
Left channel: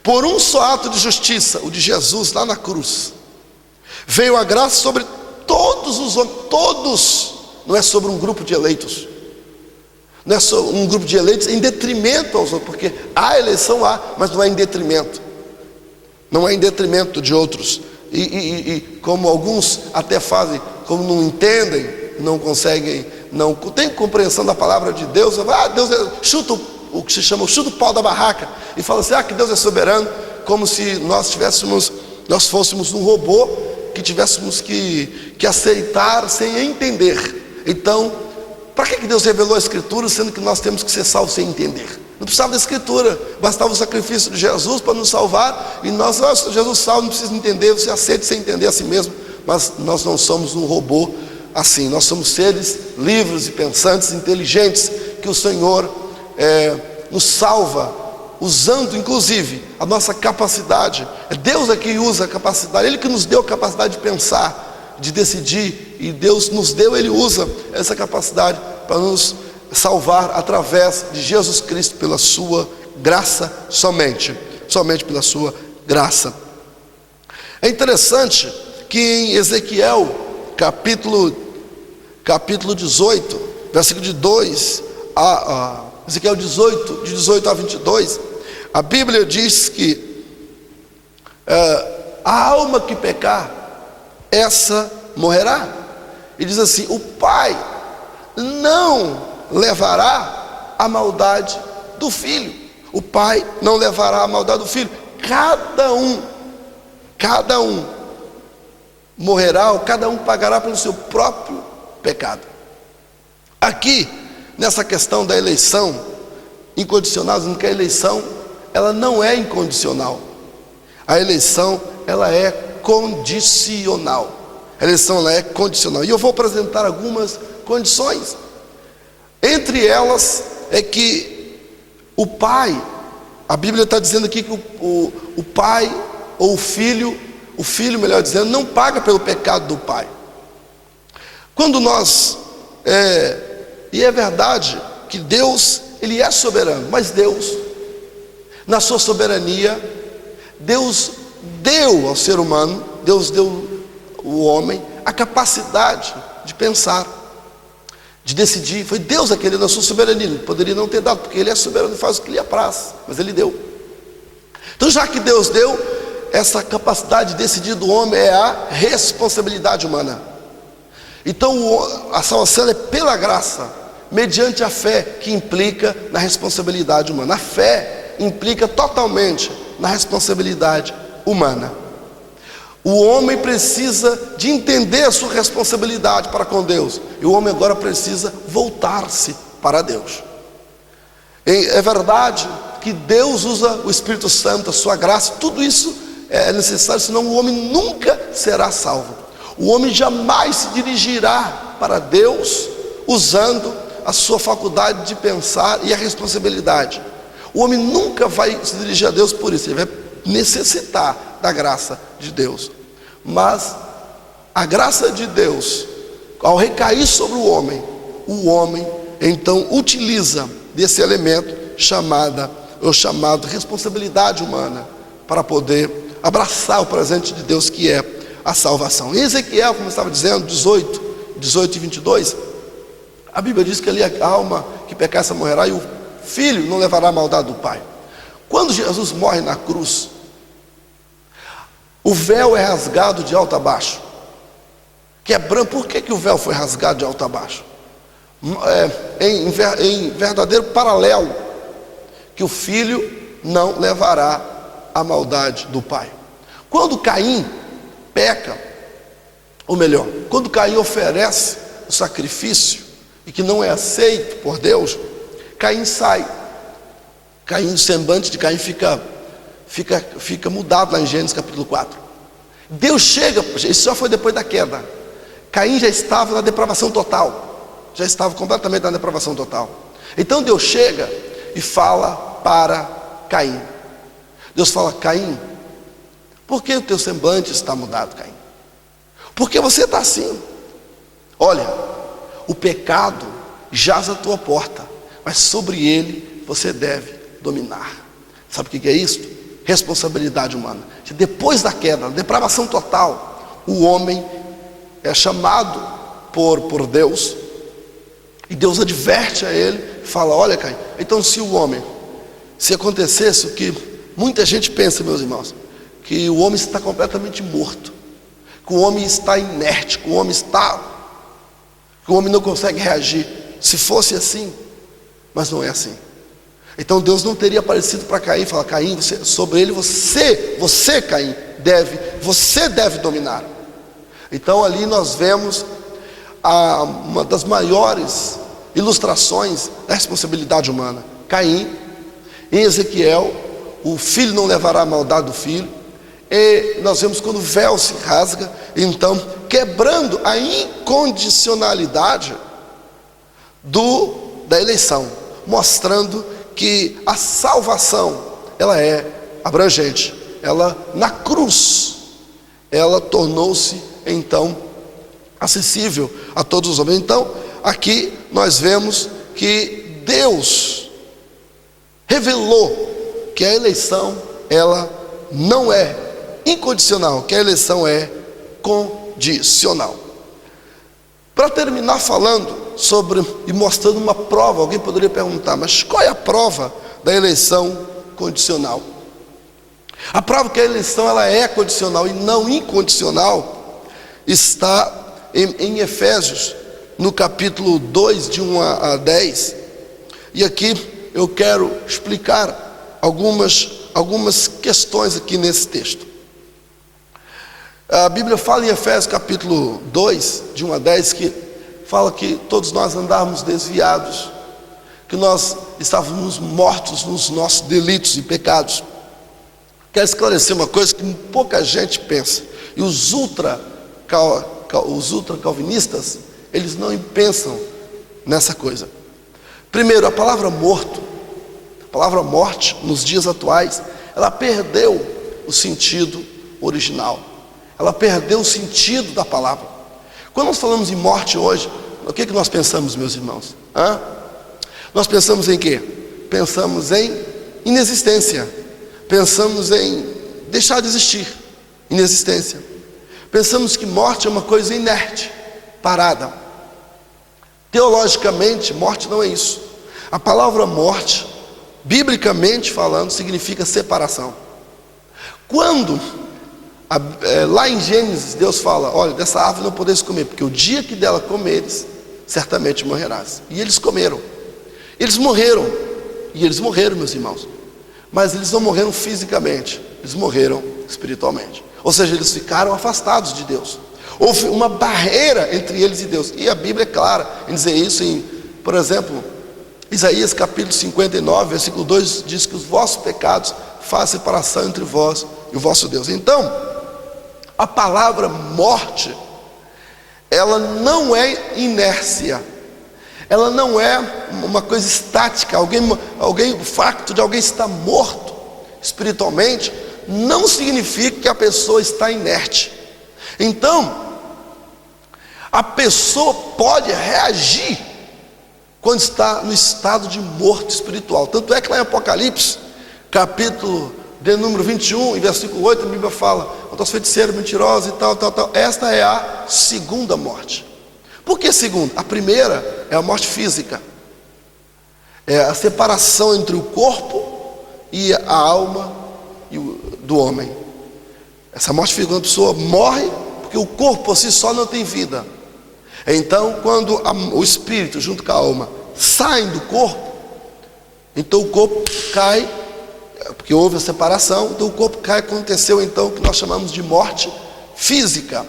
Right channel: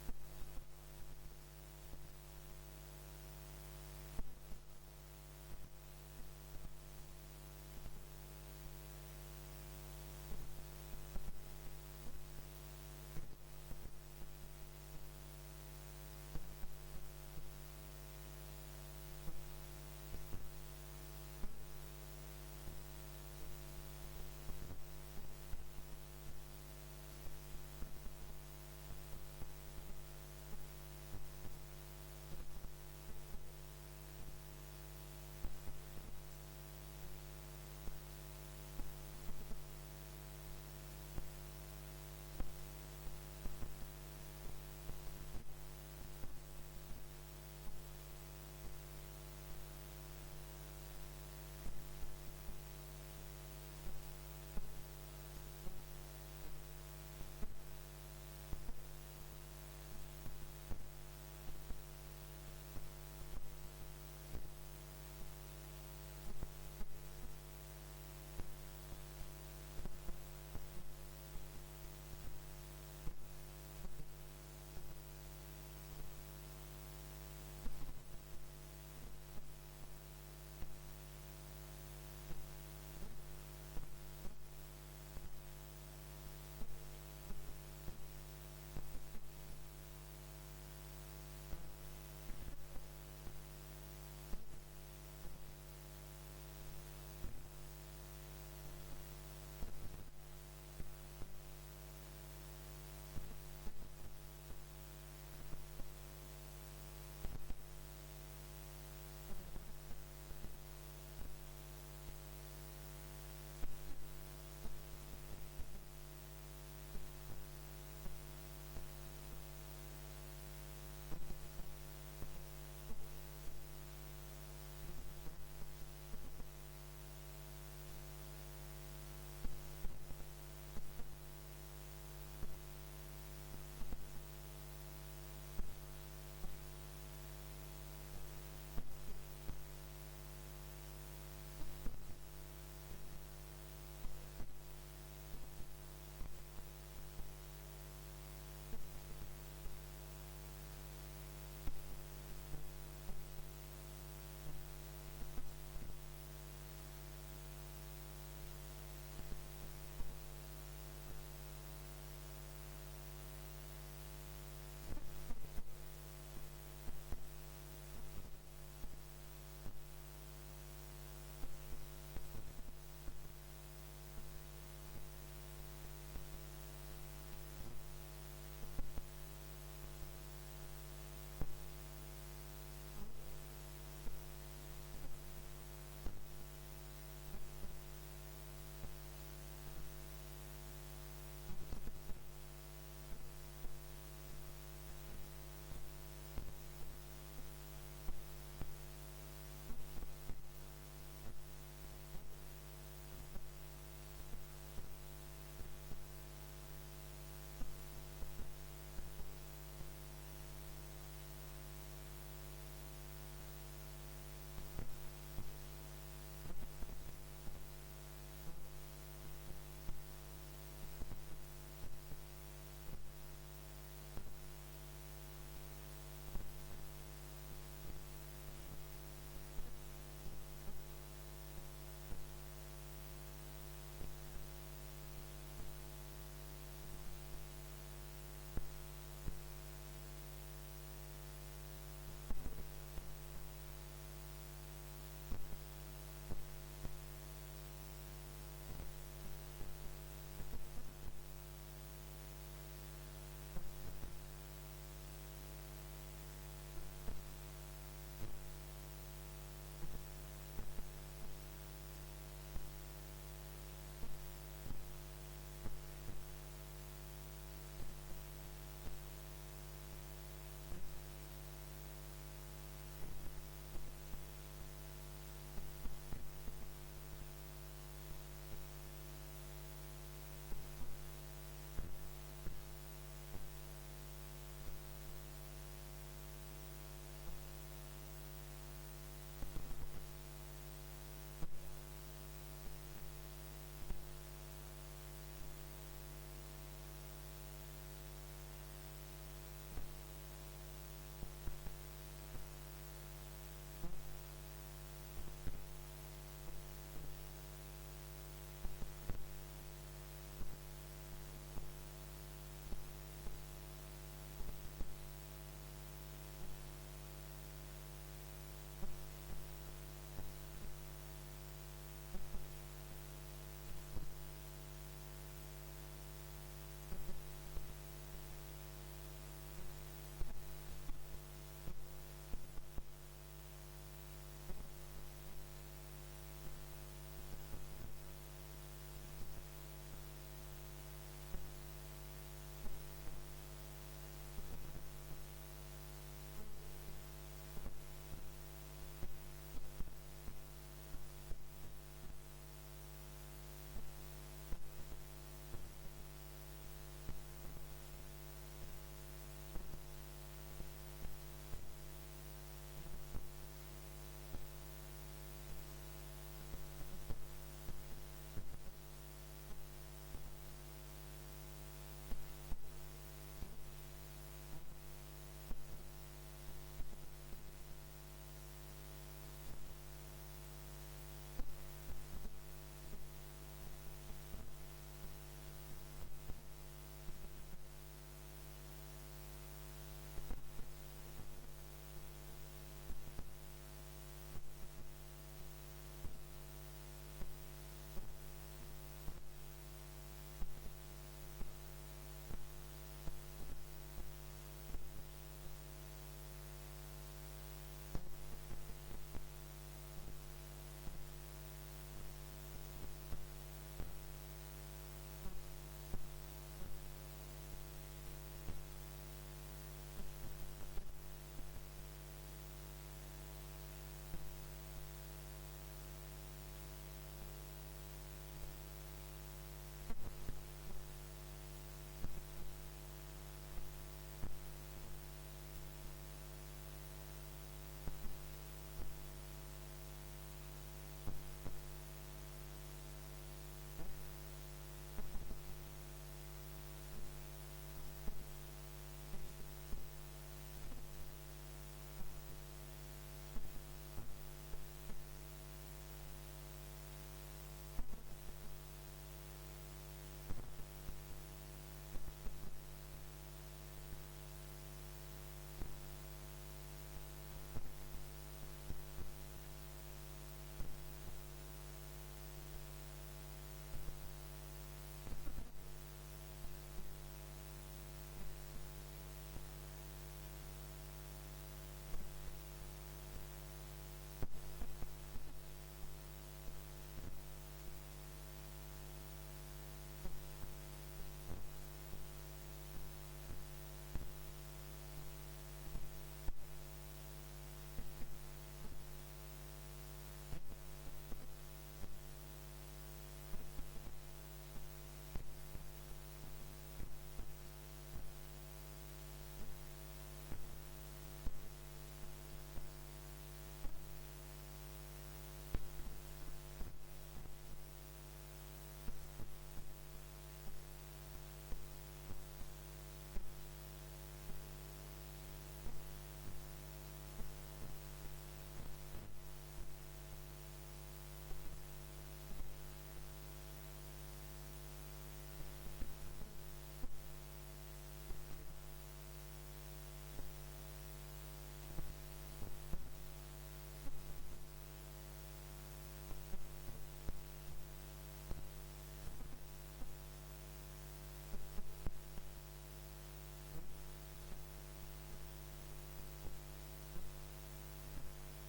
por um só ato de justiça, o de Jesus lá na cruz, veio a graça sobre todos os homens. Todos, não é sobre um grupo de eleitos. Não é só um grupo de eleitos em detrimento aos outros, porque a eleição há, mas não é em detrimento. Não é em detrimento de outros. E como alguns até fazem, como não entendem, não conseguem, não tem compreensão da palavra de Deus, Deus chuta o que se chama o chuta o pau da barraca e fala assim, que Deus é soberano, como se nós fôssemos um robô que tivéssemos que aceitar sem entender. Então, para que Deus revelou a Escritura, sendo que nós temos que ser salvos sem entender? Não precisava da Escritura, bastava o sacrifício de Jesus para nos salvar. E nós, Jesus salva, não precisa entender, você aceita sem entender a si mesmo. Mas nós não somos um robô assim, nós somos seres livres e pensantes, inteligentes, que o Senhor nos salva, usando inclusive a nossa capacidade. É Deus que usa a capacidade, Ele que nos deu a capacidade de pensar, de decidir, e Deus nos deu, Ele usa essa capacidade para nos salvar através de Jesus Cristo, pela sua graça somente pela sua graça. É interessante que em Ezequiel capítulo 18, versículo de 2 Ezequiel 18, de 18 a 22, a Bíblia diz que a alma que pecar, essa morrerá. E diz assim: o Pai não levará a maldade do filho. O pai não levará a maldade do filho. Cada um morrerá, ou cada um pagará pelo seu próprio pecado. Aqui, nessa questão da eleição incondicional, dizendo que a eleição, ela não é incondicional. A eleição, ela é condicional. A eleição, ela é condicional. E eu vou apresentar algumas condições. Entre elas é que o pai, a Bíblia está dizendo aqui que o pai ou o filho melhor dizendo, não paga pelo pecado do pai. Quando nós, e é verdade que Deus, Ele é soberano, mas Deus, na sua soberania, Deus deu ao ser humano, Deus deu ao homem a capacidade de pensar, de decidir. Foi Deus aquele na sua soberania. Ele poderia não ter dado, porque Ele é soberano e faz o que lhe apraz, mas Ele deu. Então, já que Deus deu, essa capacidade de decidir do homem é a responsabilidade humana. Então a salvação é pela graça, mediante a fé, que implica na responsabilidade humana. A fé implica totalmente na responsabilidade humana. O homem precisa de entender a sua responsabilidade para com Deus, e o homem agora precisa voltar-se para Deus. É verdade que Deus usa o Espírito Santo, a sua graça, tudo isso é necessário, senão o homem nunca será salvo. O homem jamais se dirigirá para Deus usando a sua faculdade de pensar e a responsabilidade. O homem nunca vai se dirigir a Deus por isso, ele vai necessitar da graça de Deus. Mas a graça de Deus, ao recair sobre o homem então utiliza desse elemento chamado responsabilidade humana, para poder abraçar o presente de Deus, que é a salvação. Em Ezequiel, como eu estava dizendo, 18 e 22, a Bíblia diz que ali a alma que pecar morrerá, e o filho não levará a maldade do pai. Quando Jesus morre na cruz, o véu é rasgado de alto a baixo, quebrando. Por que o véu foi rasgado de alto a baixo? Em verdadeiro paralelo, que o filho não levará a maldade do pai. Quando Caim peca, ou melhor, quando Caim oferece o sacrifício e que não é aceito por Deus, Caim sai. O semblante de Caim fica mudado lá em Gênesis capítulo 4. Deus chega, isso já foi depois da queda. Caim já estava na depravação total, já estava completamente na depravação total. Então Deus chega e fala para Caim. Deus fala: Caim, por que o teu semblante está mudado, Caim? Por que você está assim? Olha, o pecado jaz à tua porta, mas sobre ele você deve dominar. Sabe o que é isso? Responsabilidade humana. Depois da queda, depravação total, o homem é chamado por Deus, e Deus adverte a ele, fala: olha, Caim, então se acontecesse o que muita gente pensa, meus irmãos, que o homem está completamente morto, que o homem está inerte, que o homem não consegue reagir. Se fosse assim, mas não é assim. Então Deus não teria aparecido para Caim e falar: Caim, sobre ele você Caim, você deve dominar. Então ali nós vemos uma das maiores ilustrações da responsabilidade humana. Caim, em Ezequiel, o filho não levará a maldade do filho. E nós vemos quando o véu se rasga, então quebrando a incondicionalidade da eleição, mostrando que a salvação, ela é abrangente. Ela, na cruz, ela tornou-se então acessível a todos os homens. Então aqui nós vemos que Deus revelou que a eleição, ela não é incondicional, que a eleição é condicional. Para terminar falando sobre e mostrando uma prova, alguém poderia perguntar: mas qual é a prova da eleição condicional? A prova que a eleição ela é condicional e não incondicional está em Efésios, no capítulo 2, de 1 a 10. E aqui eu quero explicar algumas questões aqui nesse texto. A Bíblia fala em Efésios capítulo 2, de 1 a 10, que fala que todos nós andávamos desviados, que nós estávamos mortos nos nossos delitos e pecados. Quero esclarecer uma coisa que pouca gente pensa, e os ultra-calvinistas, eles não pensam nessa coisa. Primeiro, a palavra morto, a palavra morte, nos dias atuais, ela perdeu o sentido original, ela perdeu o sentido da palavra. Quando nós falamos em morte hoje, o que nós pensamos, meus irmãos? Nós pensamos em quê? Pensamos em inexistência, pensamos em deixar de existir, inexistência. Pensamos que morte é uma coisa inerte, parada. Teologicamente, morte não é isso. A palavra morte, biblicamente falando, significa separação. Quando, lá em Gênesis, Deus fala: olha, dessa árvore não podeis comer, porque o dia que dela comeres, certamente morrerás. E eles comeram. Eles morreram, meus irmãos, mas eles não morreram fisicamente, eles morreram espiritualmente, ou seja, eles ficaram afastados de Deus. Houve uma barreira entre eles e Deus, e a Bíblia é clara em dizer isso. Por exemplo, Isaías capítulo 59, versículo 2, diz que os vossos pecados fazem separação entre vós e o vosso Deus. Então, a palavra morte, ela não é inércia, ela não é uma coisa estática. O facto de alguém estar morto espiritualmente não significa que a pessoa está inerte. Então, a pessoa pode reagir quando está no estado de morto espiritual. Tanto é que lá em Apocalipse, capítulo de número 21, em versículo 8, a Bíblia fala: quanto aos feiticeiros, mentirosos e tal. Esta é a segunda morte. Por que segunda? A primeira é a morte física, é a separação entre o corpo e a alma do homem. Essa morte física, quando a pessoa morre, porque o corpo por si só não tem vida. Então, quando o espírito junto com a alma saem do corpo, então o corpo cai, porque houve a separação, então o corpo cai. Aconteceu então o que nós chamamos de morte física.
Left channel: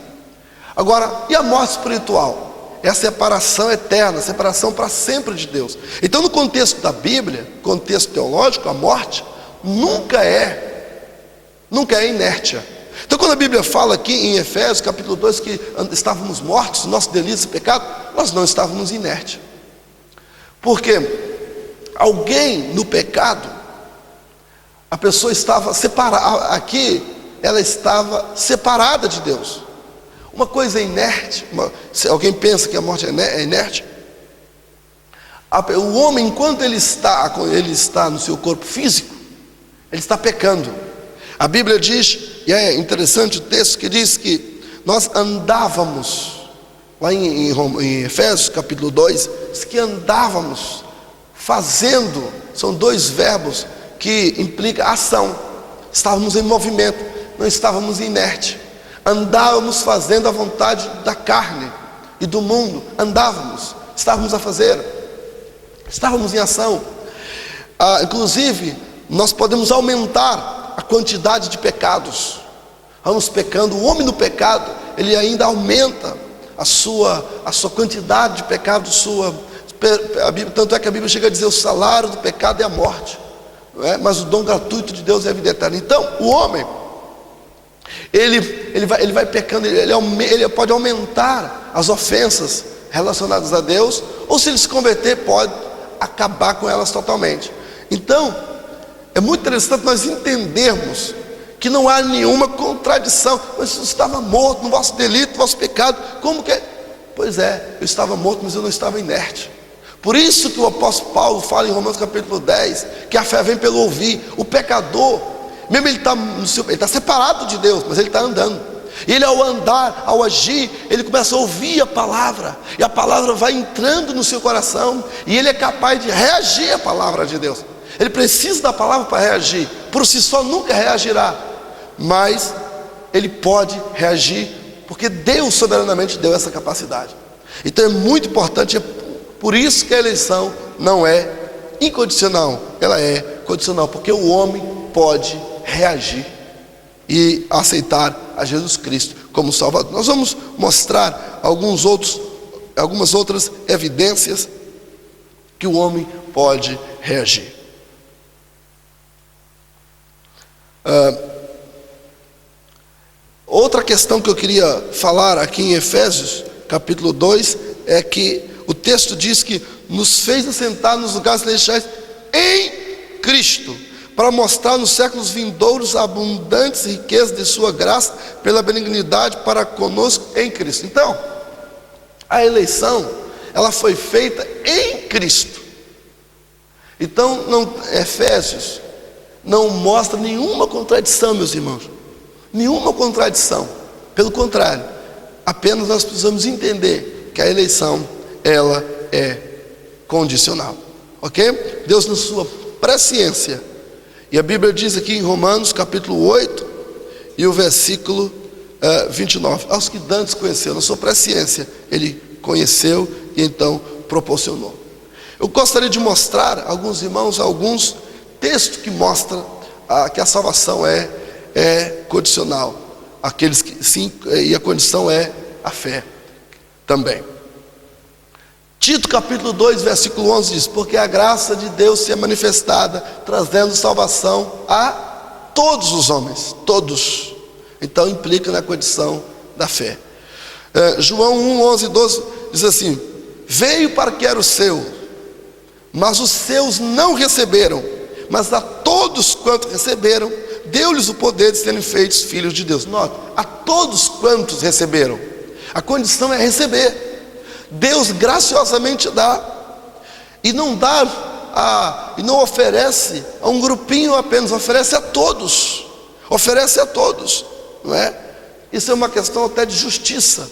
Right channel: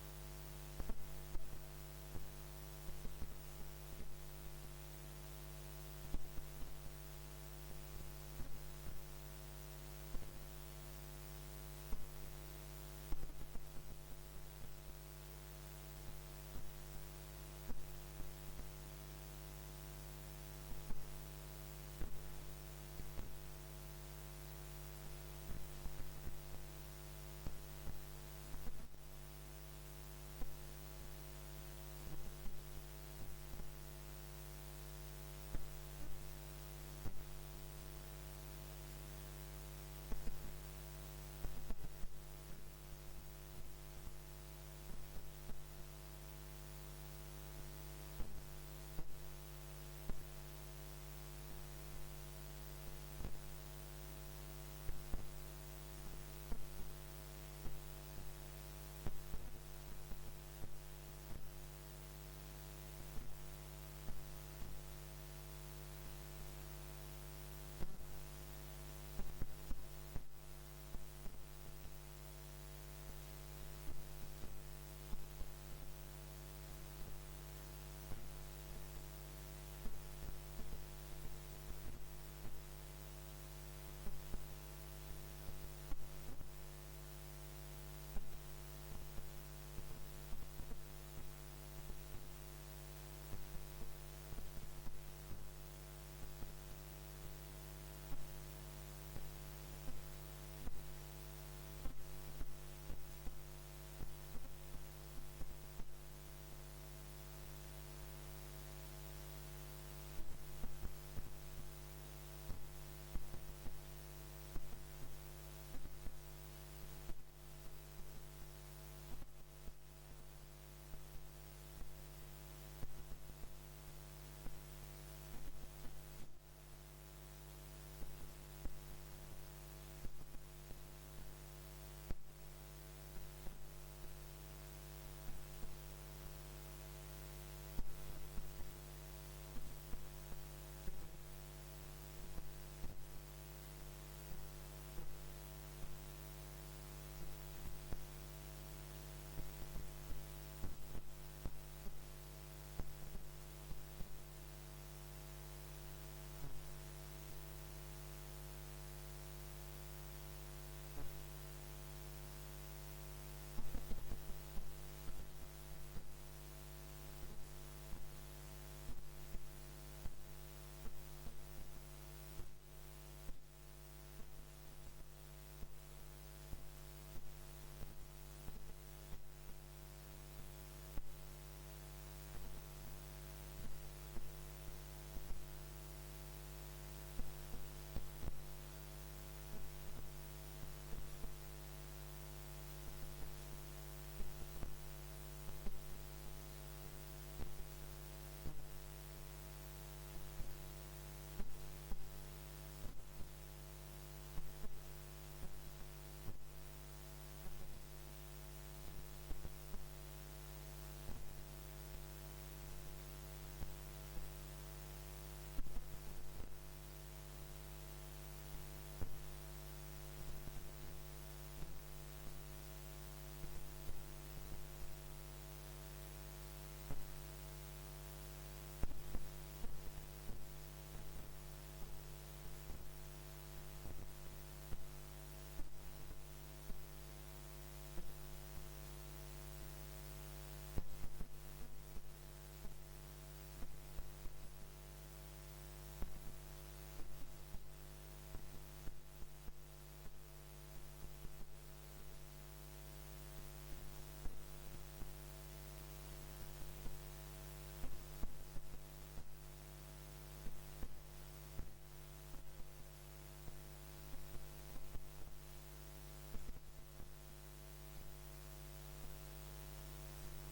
Agora, e a morte espiritual? É a separação eterna, a separação para sempre de Deus. Então, no contexto da Bíblia, contexto teológico, a morte nunca é inércia. Então, quando a Bíblia fala aqui em Efésios capítulo 2 que estávamos mortos, nosso delito e pecado, nós não estávamos inertes. Porque alguém no pecado, a pessoa estava separada, aqui ela estava separada de Deus. Uma coisa inerte, se alguém pensa que a morte é inerte, o homem, enquanto ele está no seu corpo físico, ele está pecando. A Bíblia diz, e é interessante o texto que diz que nós andávamos, lá em Efésios capítulo 2, diz que andávamos fazendo, são dois verbos que implicam ação. Estávamos em movimento, não estávamos inertes. Andávamos fazendo a vontade da carne e do mundo. Estávamos a fazer, estávamos em ação. Inclusive, nós podemos aumentar a quantidade de pecados. Vamos pecando, o homem no pecado, ele ainda aumenta a sua quantidade de pecado, tanto é que a Bíblia chega a dizer: o salário do pecado é a morte, não é? Mas o dom gratuito de Deus é a vida eterna. Então, o homem, ele vai pecando, ele pode aumentar as ofensas relacionadas a Deus, ou se ele se converter, pode acabar com elas totalmente. Então, é muito interessante nós entendermos que não há nenhuma contradição. Mas você estava morto no vosso delito, no vosso pecado. Como que é? Pois é, eu estava morto, mas eu não estava inerte. Por isso que o apóstolo Paulo fala em Romanos capítulo 10, que a fé vem pelo ouvir. O pecador, mesmo ele está separado de Deus, mas ele está andando. E ele, ao andar, ao agir, ele começa a ouvir a palavra, e a palavra vai entrando no seu coração, e ele é capaz de reagir à palavra de Deus. Ele precisa da palavra para reagir, por si só nunca reagirá, mas ele pode reagir, porque Deus soberanamente deu essa capacidade. Então é muito importante, é por isso que a eleição não é incondicional, ela é condicional, porque o homem pode reagir e aceitar a Jesus Cristo como Salvador. Nós vamos mostrar algumas outras evidências que o homem pode reagir. Outra questão que eu queria falar aqui em Efésios, capítulo 2, é que o texto diz que nos fez assentar nos lugares celestiais em Cristo, para mostrar nos séculos vindouros a abundantes riquezas de sua graça, pela benignidade para conosco em Cristo. Então, a eleição, ela foi feita em Cristo. Então, Efésios não mostra nenhuma contradição, meus irmãos, nenhuma contradição. Pelo contrário, apenas nós precisamos entender que a eleição, ela é condicional, ok? Deus, na sua presciência, e a Bíblia diz aqui em Romanos capítulo 8 e o versículo 29, aos que dantes conheceu, na sua presciência Ele conheceu e então proporcionou. Eu gostaria de mostrar a alguns irmãos alguns textos que mostram que a salvação é condicional, aqueles que sim, e a condição é a fé também. Tito capítulo 2 versículo 11 diz: porque a graça de Deus se é manifestada, trazendo salvação a todos os homens, todos. Então implica na condição da fé. João 1, 11 e 12 diz assim: veio para que era o seu, mas os seus não receberam, mas a todos quantos receberam, deu-lhes o poder de serem feitos filhos de Deus. Note, a todos quantos receberam, a condição é receber. Deus graciosamente dá, e não dá e não oferece a um grupinho apenas, oferece a todos, não é? Isso é uma questão até de justiça.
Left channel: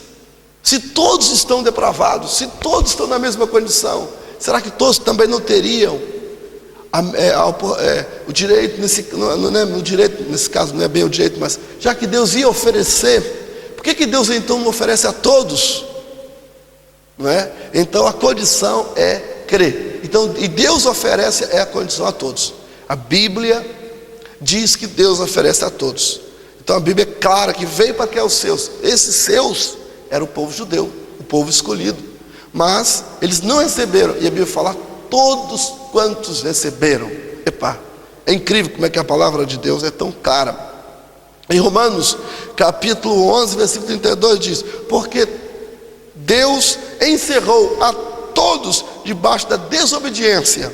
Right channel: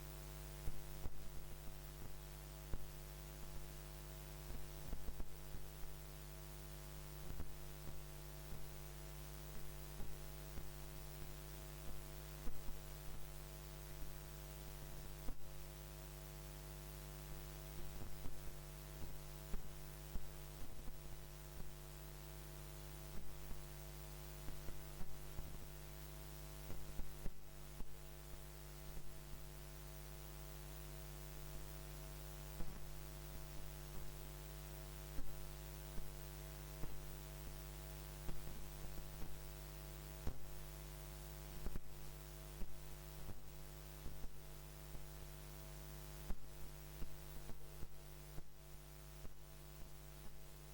Se todos estão depravados, se todos estão na mesma condição, será que todos também não teriam o direito, no direito, nesse caso não é bem o direito, mas já que Deus ia oferecer, por que Deus então não oferece a todos? Não é? Então a condição é crer. Então, e Deus oferece a condição a todos. A Bíblia diz que Deus oferece a todos. Então a Bíblia é clara que veio para que é os seus. Esses seus era o povo judeu, o povo escolhido. Mas eles não receberam. E a Bíblia fala: todos quantos receberam. É incrível como é que a palavra de Deus é tão clara. Em Romanos capítulo 11 versículo 32 diz: porque Deus encerrou a todos debaixo da desobediência,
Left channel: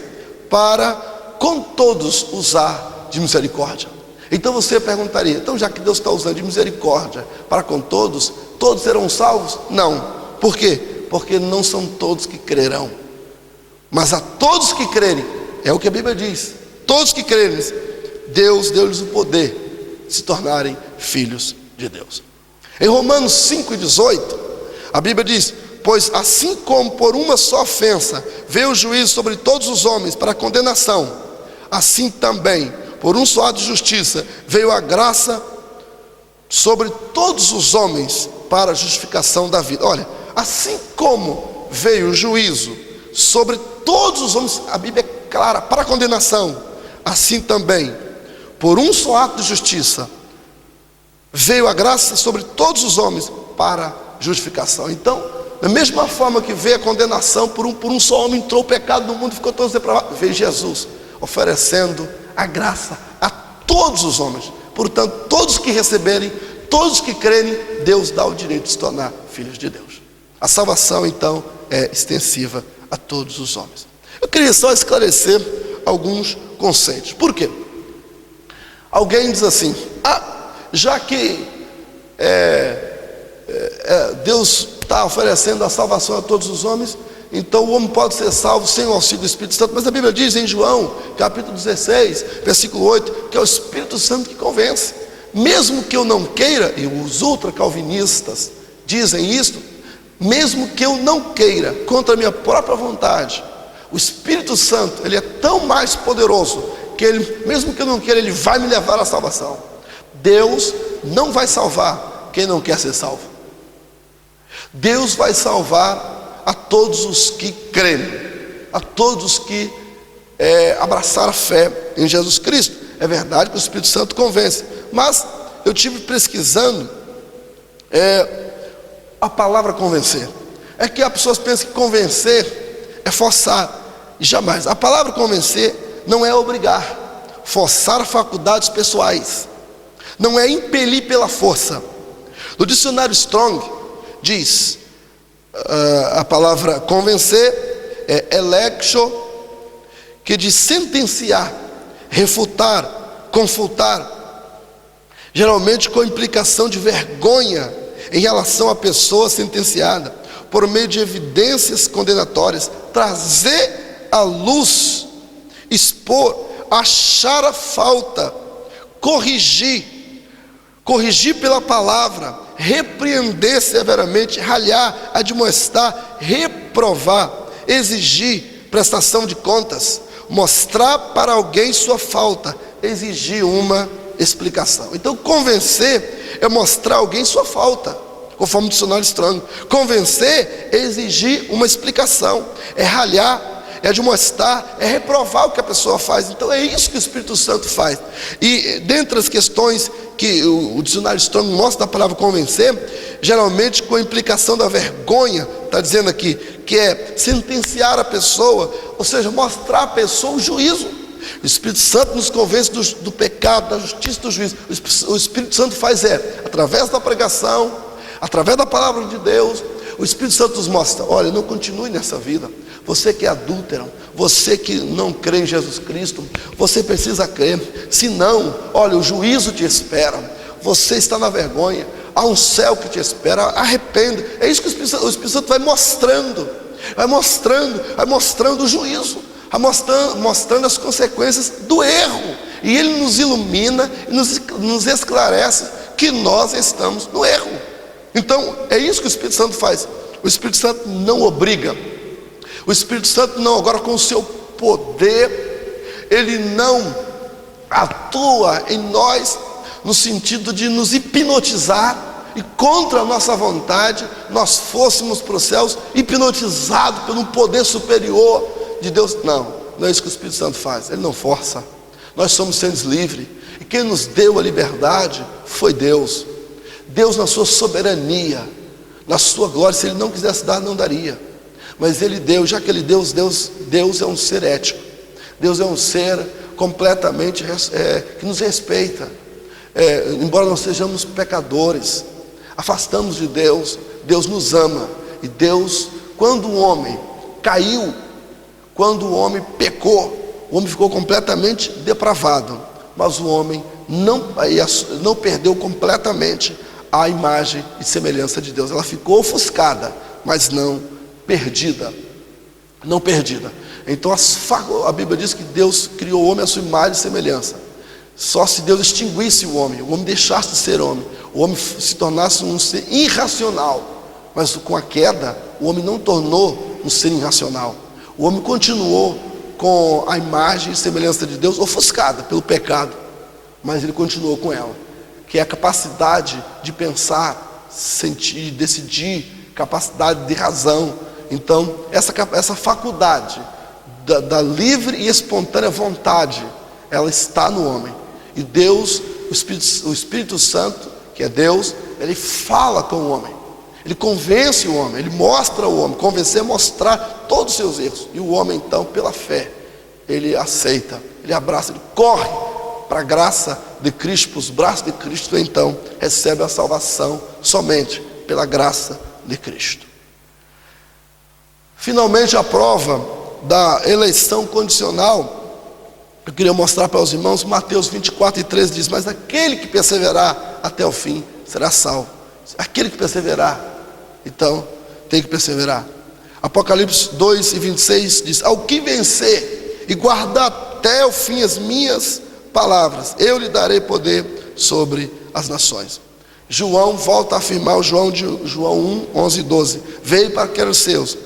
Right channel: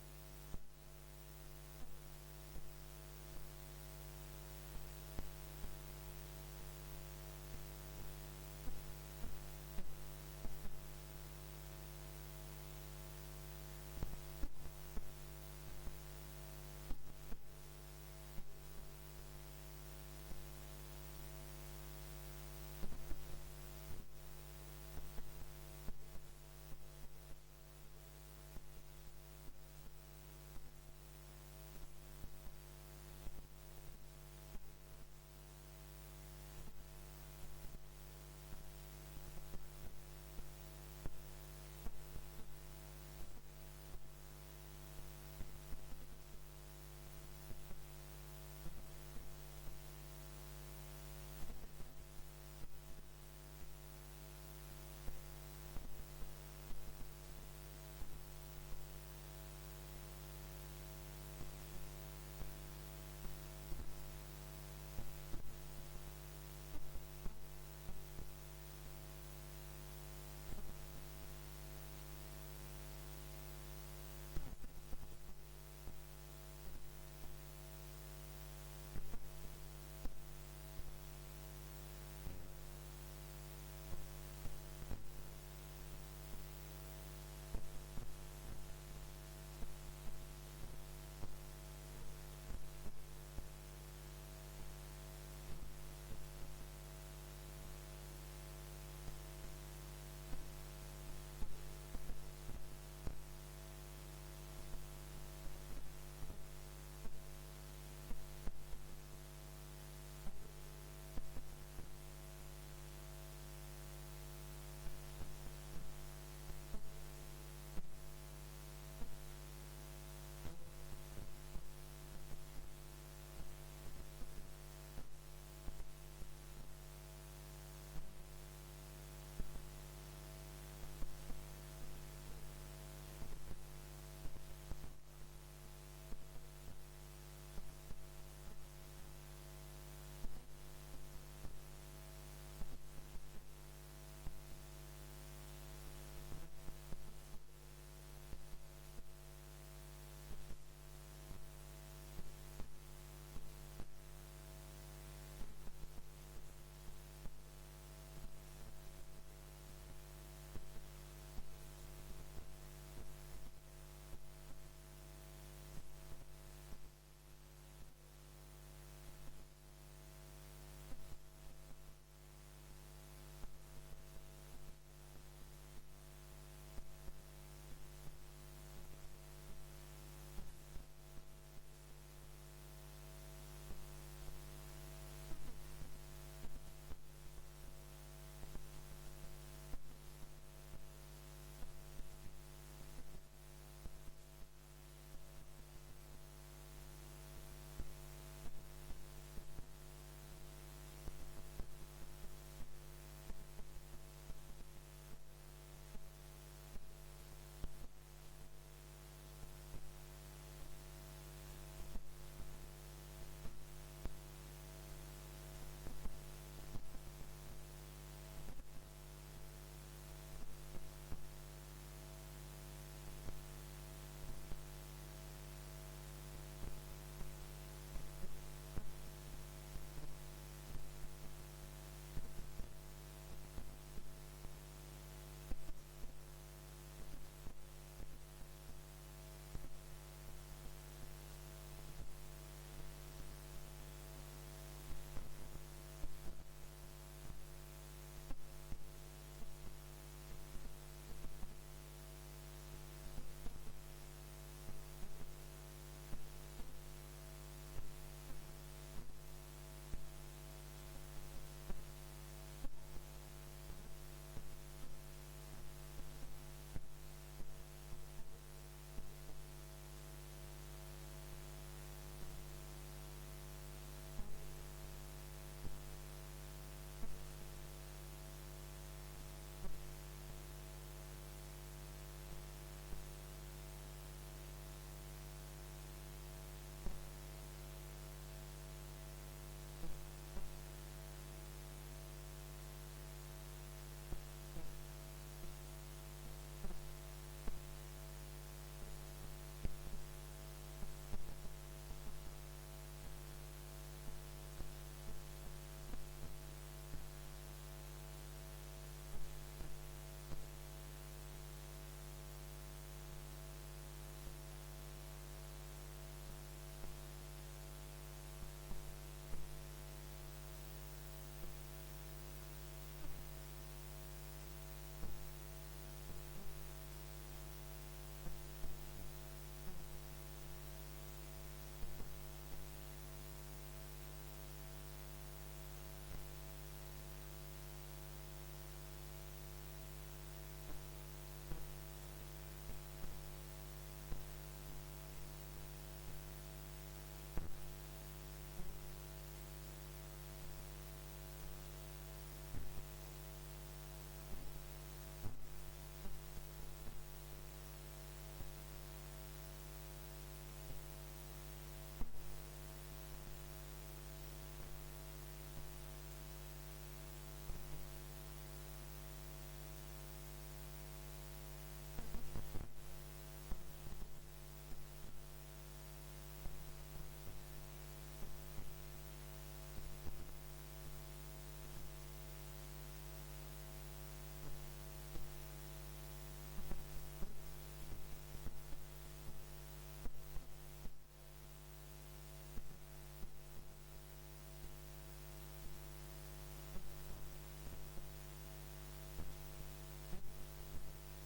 para com todos usar de misericórdia. Então você perguntaria: então já que Deus está usando de misericórdia para com todos, todos serão salvos? Não. Por quê? Porque não são todos que crerão, mas a todos que crerem, é o que a Bíblia diz, todos que crerem, Deus deu-lhes o poder de se tornarem filhos de Deus. Em Romanos 5,18, a Bíblia diz: pois assim como por uma só ofensa veio o juízo sobre todos os homens para condenação, assim também por um só ato de justiça veio a graça sobre todos os homens para a justificação da vida. Olha, assim como veio o juízo sobre todos os homens, a Bíblia é clara, para a condenação, assim também por um só ato de justiça veio a graça sobre todos os homens para a justificação. Então, da mesma forma que veio a condenação, por um só homem entrou o pecado no mundo, ficou todos depravados, veio Jesus oferecendo a graça a todos os homens. Portanto, todos que receberem, todos que crerem, Deus dá o direito de se tornar filhos de Deus. A salvação então é extensiva a todos os homens. Eu queria só esclarecer alguns conceitos. Por quê? Alguém diz assim: já que Deus está oferecendo a salvação a todos os homens, então o homem pode ser salvo sem o auxílio do Espírito Santo. Mas a Bíblia diz em João capítulo 16 versículo 8 que é o Espírito Santo que convence. Mesmo que eu não queira, e os ultracalvinistas dizem isso, mesmo que eu não queira, contra a minha própria vontade, o Espírito Santo, ele é tão mais poderoso que ele, mesmo que eu não queira, ele vai me levar à salvação. Deus não vai salvar quem não quer ser salvo. Deus vai salvar a todos os que crerem, a todos que abraçar a fé em Jesus Cristo. É verdade que o Espírito Santo convence, mas eu tive pesquisando a palavra convencer. É que as pessoas pensam que convencer é forçar, e jamais. A palavra convencer não é obrigar, forçar faculdades pessoais, não é impelir pela força. No dicionário Strong diz, a palavra convencer é electio, que diz sentenciar, refutar, confutar, geralmente com implicação de vergonha em relação à pessoa sentenciada, por meio de evidências condenatórias, trazer à luz, expor, achar a falta, corrigir pela palavra, repreender severamente, ralhar, admoestar, reprovar, exigir prestação de contas, mostrar para alguém sua falta, exigir uma explicação. Então, convencer é mostrar a alguém sua falta, conforme o dicionário Strong. Convencer é exigir uma explicação, é ralhar, é admoestar, é reprovar o que a pessoa faz. Então é isso que o Espírito Santo faz. E dentre as questões que o dicionário Strong mostra da palavra convencer, geralmente com a implicação da vergonha, está dizendo aqui, que é sentenciar a pessoa, ou seja, mostrar à pessoa o juízo. O Espírito Santo nos convence do pecado, da justiça e do juízo. O Espírito Santo faz através da pregação, através da palavra de Deus. O Espírito Santo nos mostra, olha, não continue nessa vida. Você que é adúltero, você que não crê em Jesus Cristo, você precisa crer. Senão, olha, o juízo te espera. Você está na vergonha, há um céu que te espera. Arrependa. É isso que o Espírito Santo vai mostrando o juízo, vai mostrando as consequências do erro. E Ele nos ilumina e nos esclarece que nós estamos no erro. Então, é isso que o Espírito Santo faz. O Espírito Santo não obriga. O Espírito Santo não, agora com o seu poder, ele não atua em nós no sentido de nos hipnotizar e contra a nossa vontade nós fôssemos para os céus hipnotizados por um poder superior de Deus. Não é isso que o Espírito Santo faz. Ele não força. Nós somos seres livres e quem nos deu a liberdade foi Deus. Deus, na sua soberania, na sua glória, se Ele não quisesse dar, não daria. Mas Ele deu, já que Ele deu, Deus é um ser ético. Deus é um ser completamente que nos respeita. Embora nós sejamos pecadores, afastamos de Deus, Deus nos ama. E Deus, quando o homem caiu, quando o homem pecou, o homem ficou completamente depravado. Mas o homem não perdeu completamente a imagem e semelhança de Deus. Ela ficou ofuscada, mas não perdida. Não perdida. Então a Bíblia diz que Deus criou o homem à sua imagem e semelhança. Só se Deus extinguisse o homem deixasse de ser homem, o homem se tornasse um ser irracional. Mas com a queda, o homem não tornou um ser irracional. O homem continuou com a imagem e semelhança de Deus ofuscada pelo pecado, mas ele continuou com ela, que é a capacidade de pensar, sentir, decidir, capacidade de razão. Então, essa faculdade da livre e espontânea vontade, ela está no homem. E Deus, o Espírito Santo, que é Deus, ele fala com o homem, ele convence o homem, ele mostra o homem. Convencer é mostrar todos os seus erros. E o homem, então, pela fé, ele aceita, ele abraça, ele corre para a graça de Cristo, para os braços de Cristo. Então recebe a salvação somente pela graça de Cristo. Finalmente, a prova da eleição condicional, eu queria mostrar para os irmãos. Mateus 24:13 diz: mas aquele que perseverar até o fim será salvo. Aquele que perseverar, então tem que perseverar. Apocalipse 2:26 diz: ao que vencer e guardar até o fim as minhas palavras, eu lhe darei poder sobre as nações. João volta a afirmar, João 1:11-12: veio para que eram os seus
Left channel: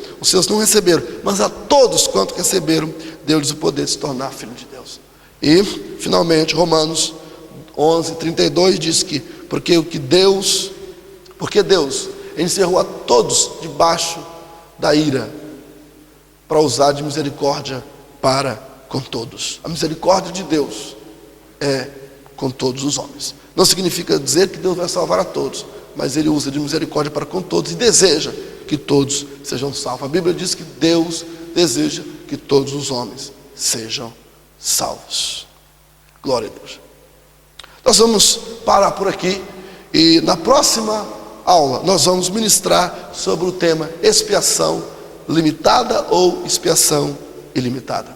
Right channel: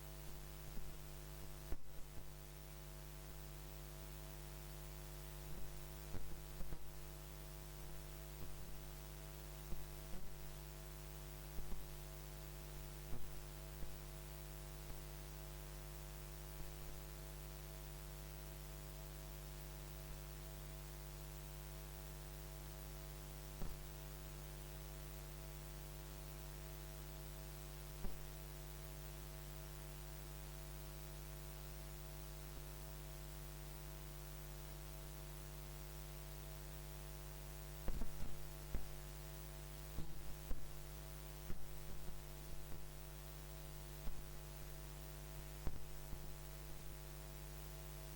não receberam, mas a todos quanto receberam, deu-lhes o poder de se tornar filho de Deus. E finalmente Romanos 11:32 diz que porque Deus encerrou a todos debaixo da ira, para usar de misericórdia para com todos. A misericórdia de Deus é com todos os homens. Não significa dizer que Deus vai salvar a todos, mas Ele usa de misericórdia para com todos e deseja que todos sejam salvos. A Bíblia diz que Deus deseja que todos os homens sejam salvos. Glória a Deus. Nós vamos parar por aqui e na próxima aula nós vamos ministrar sobre o tema expiação limitada ou expiação ilimitada.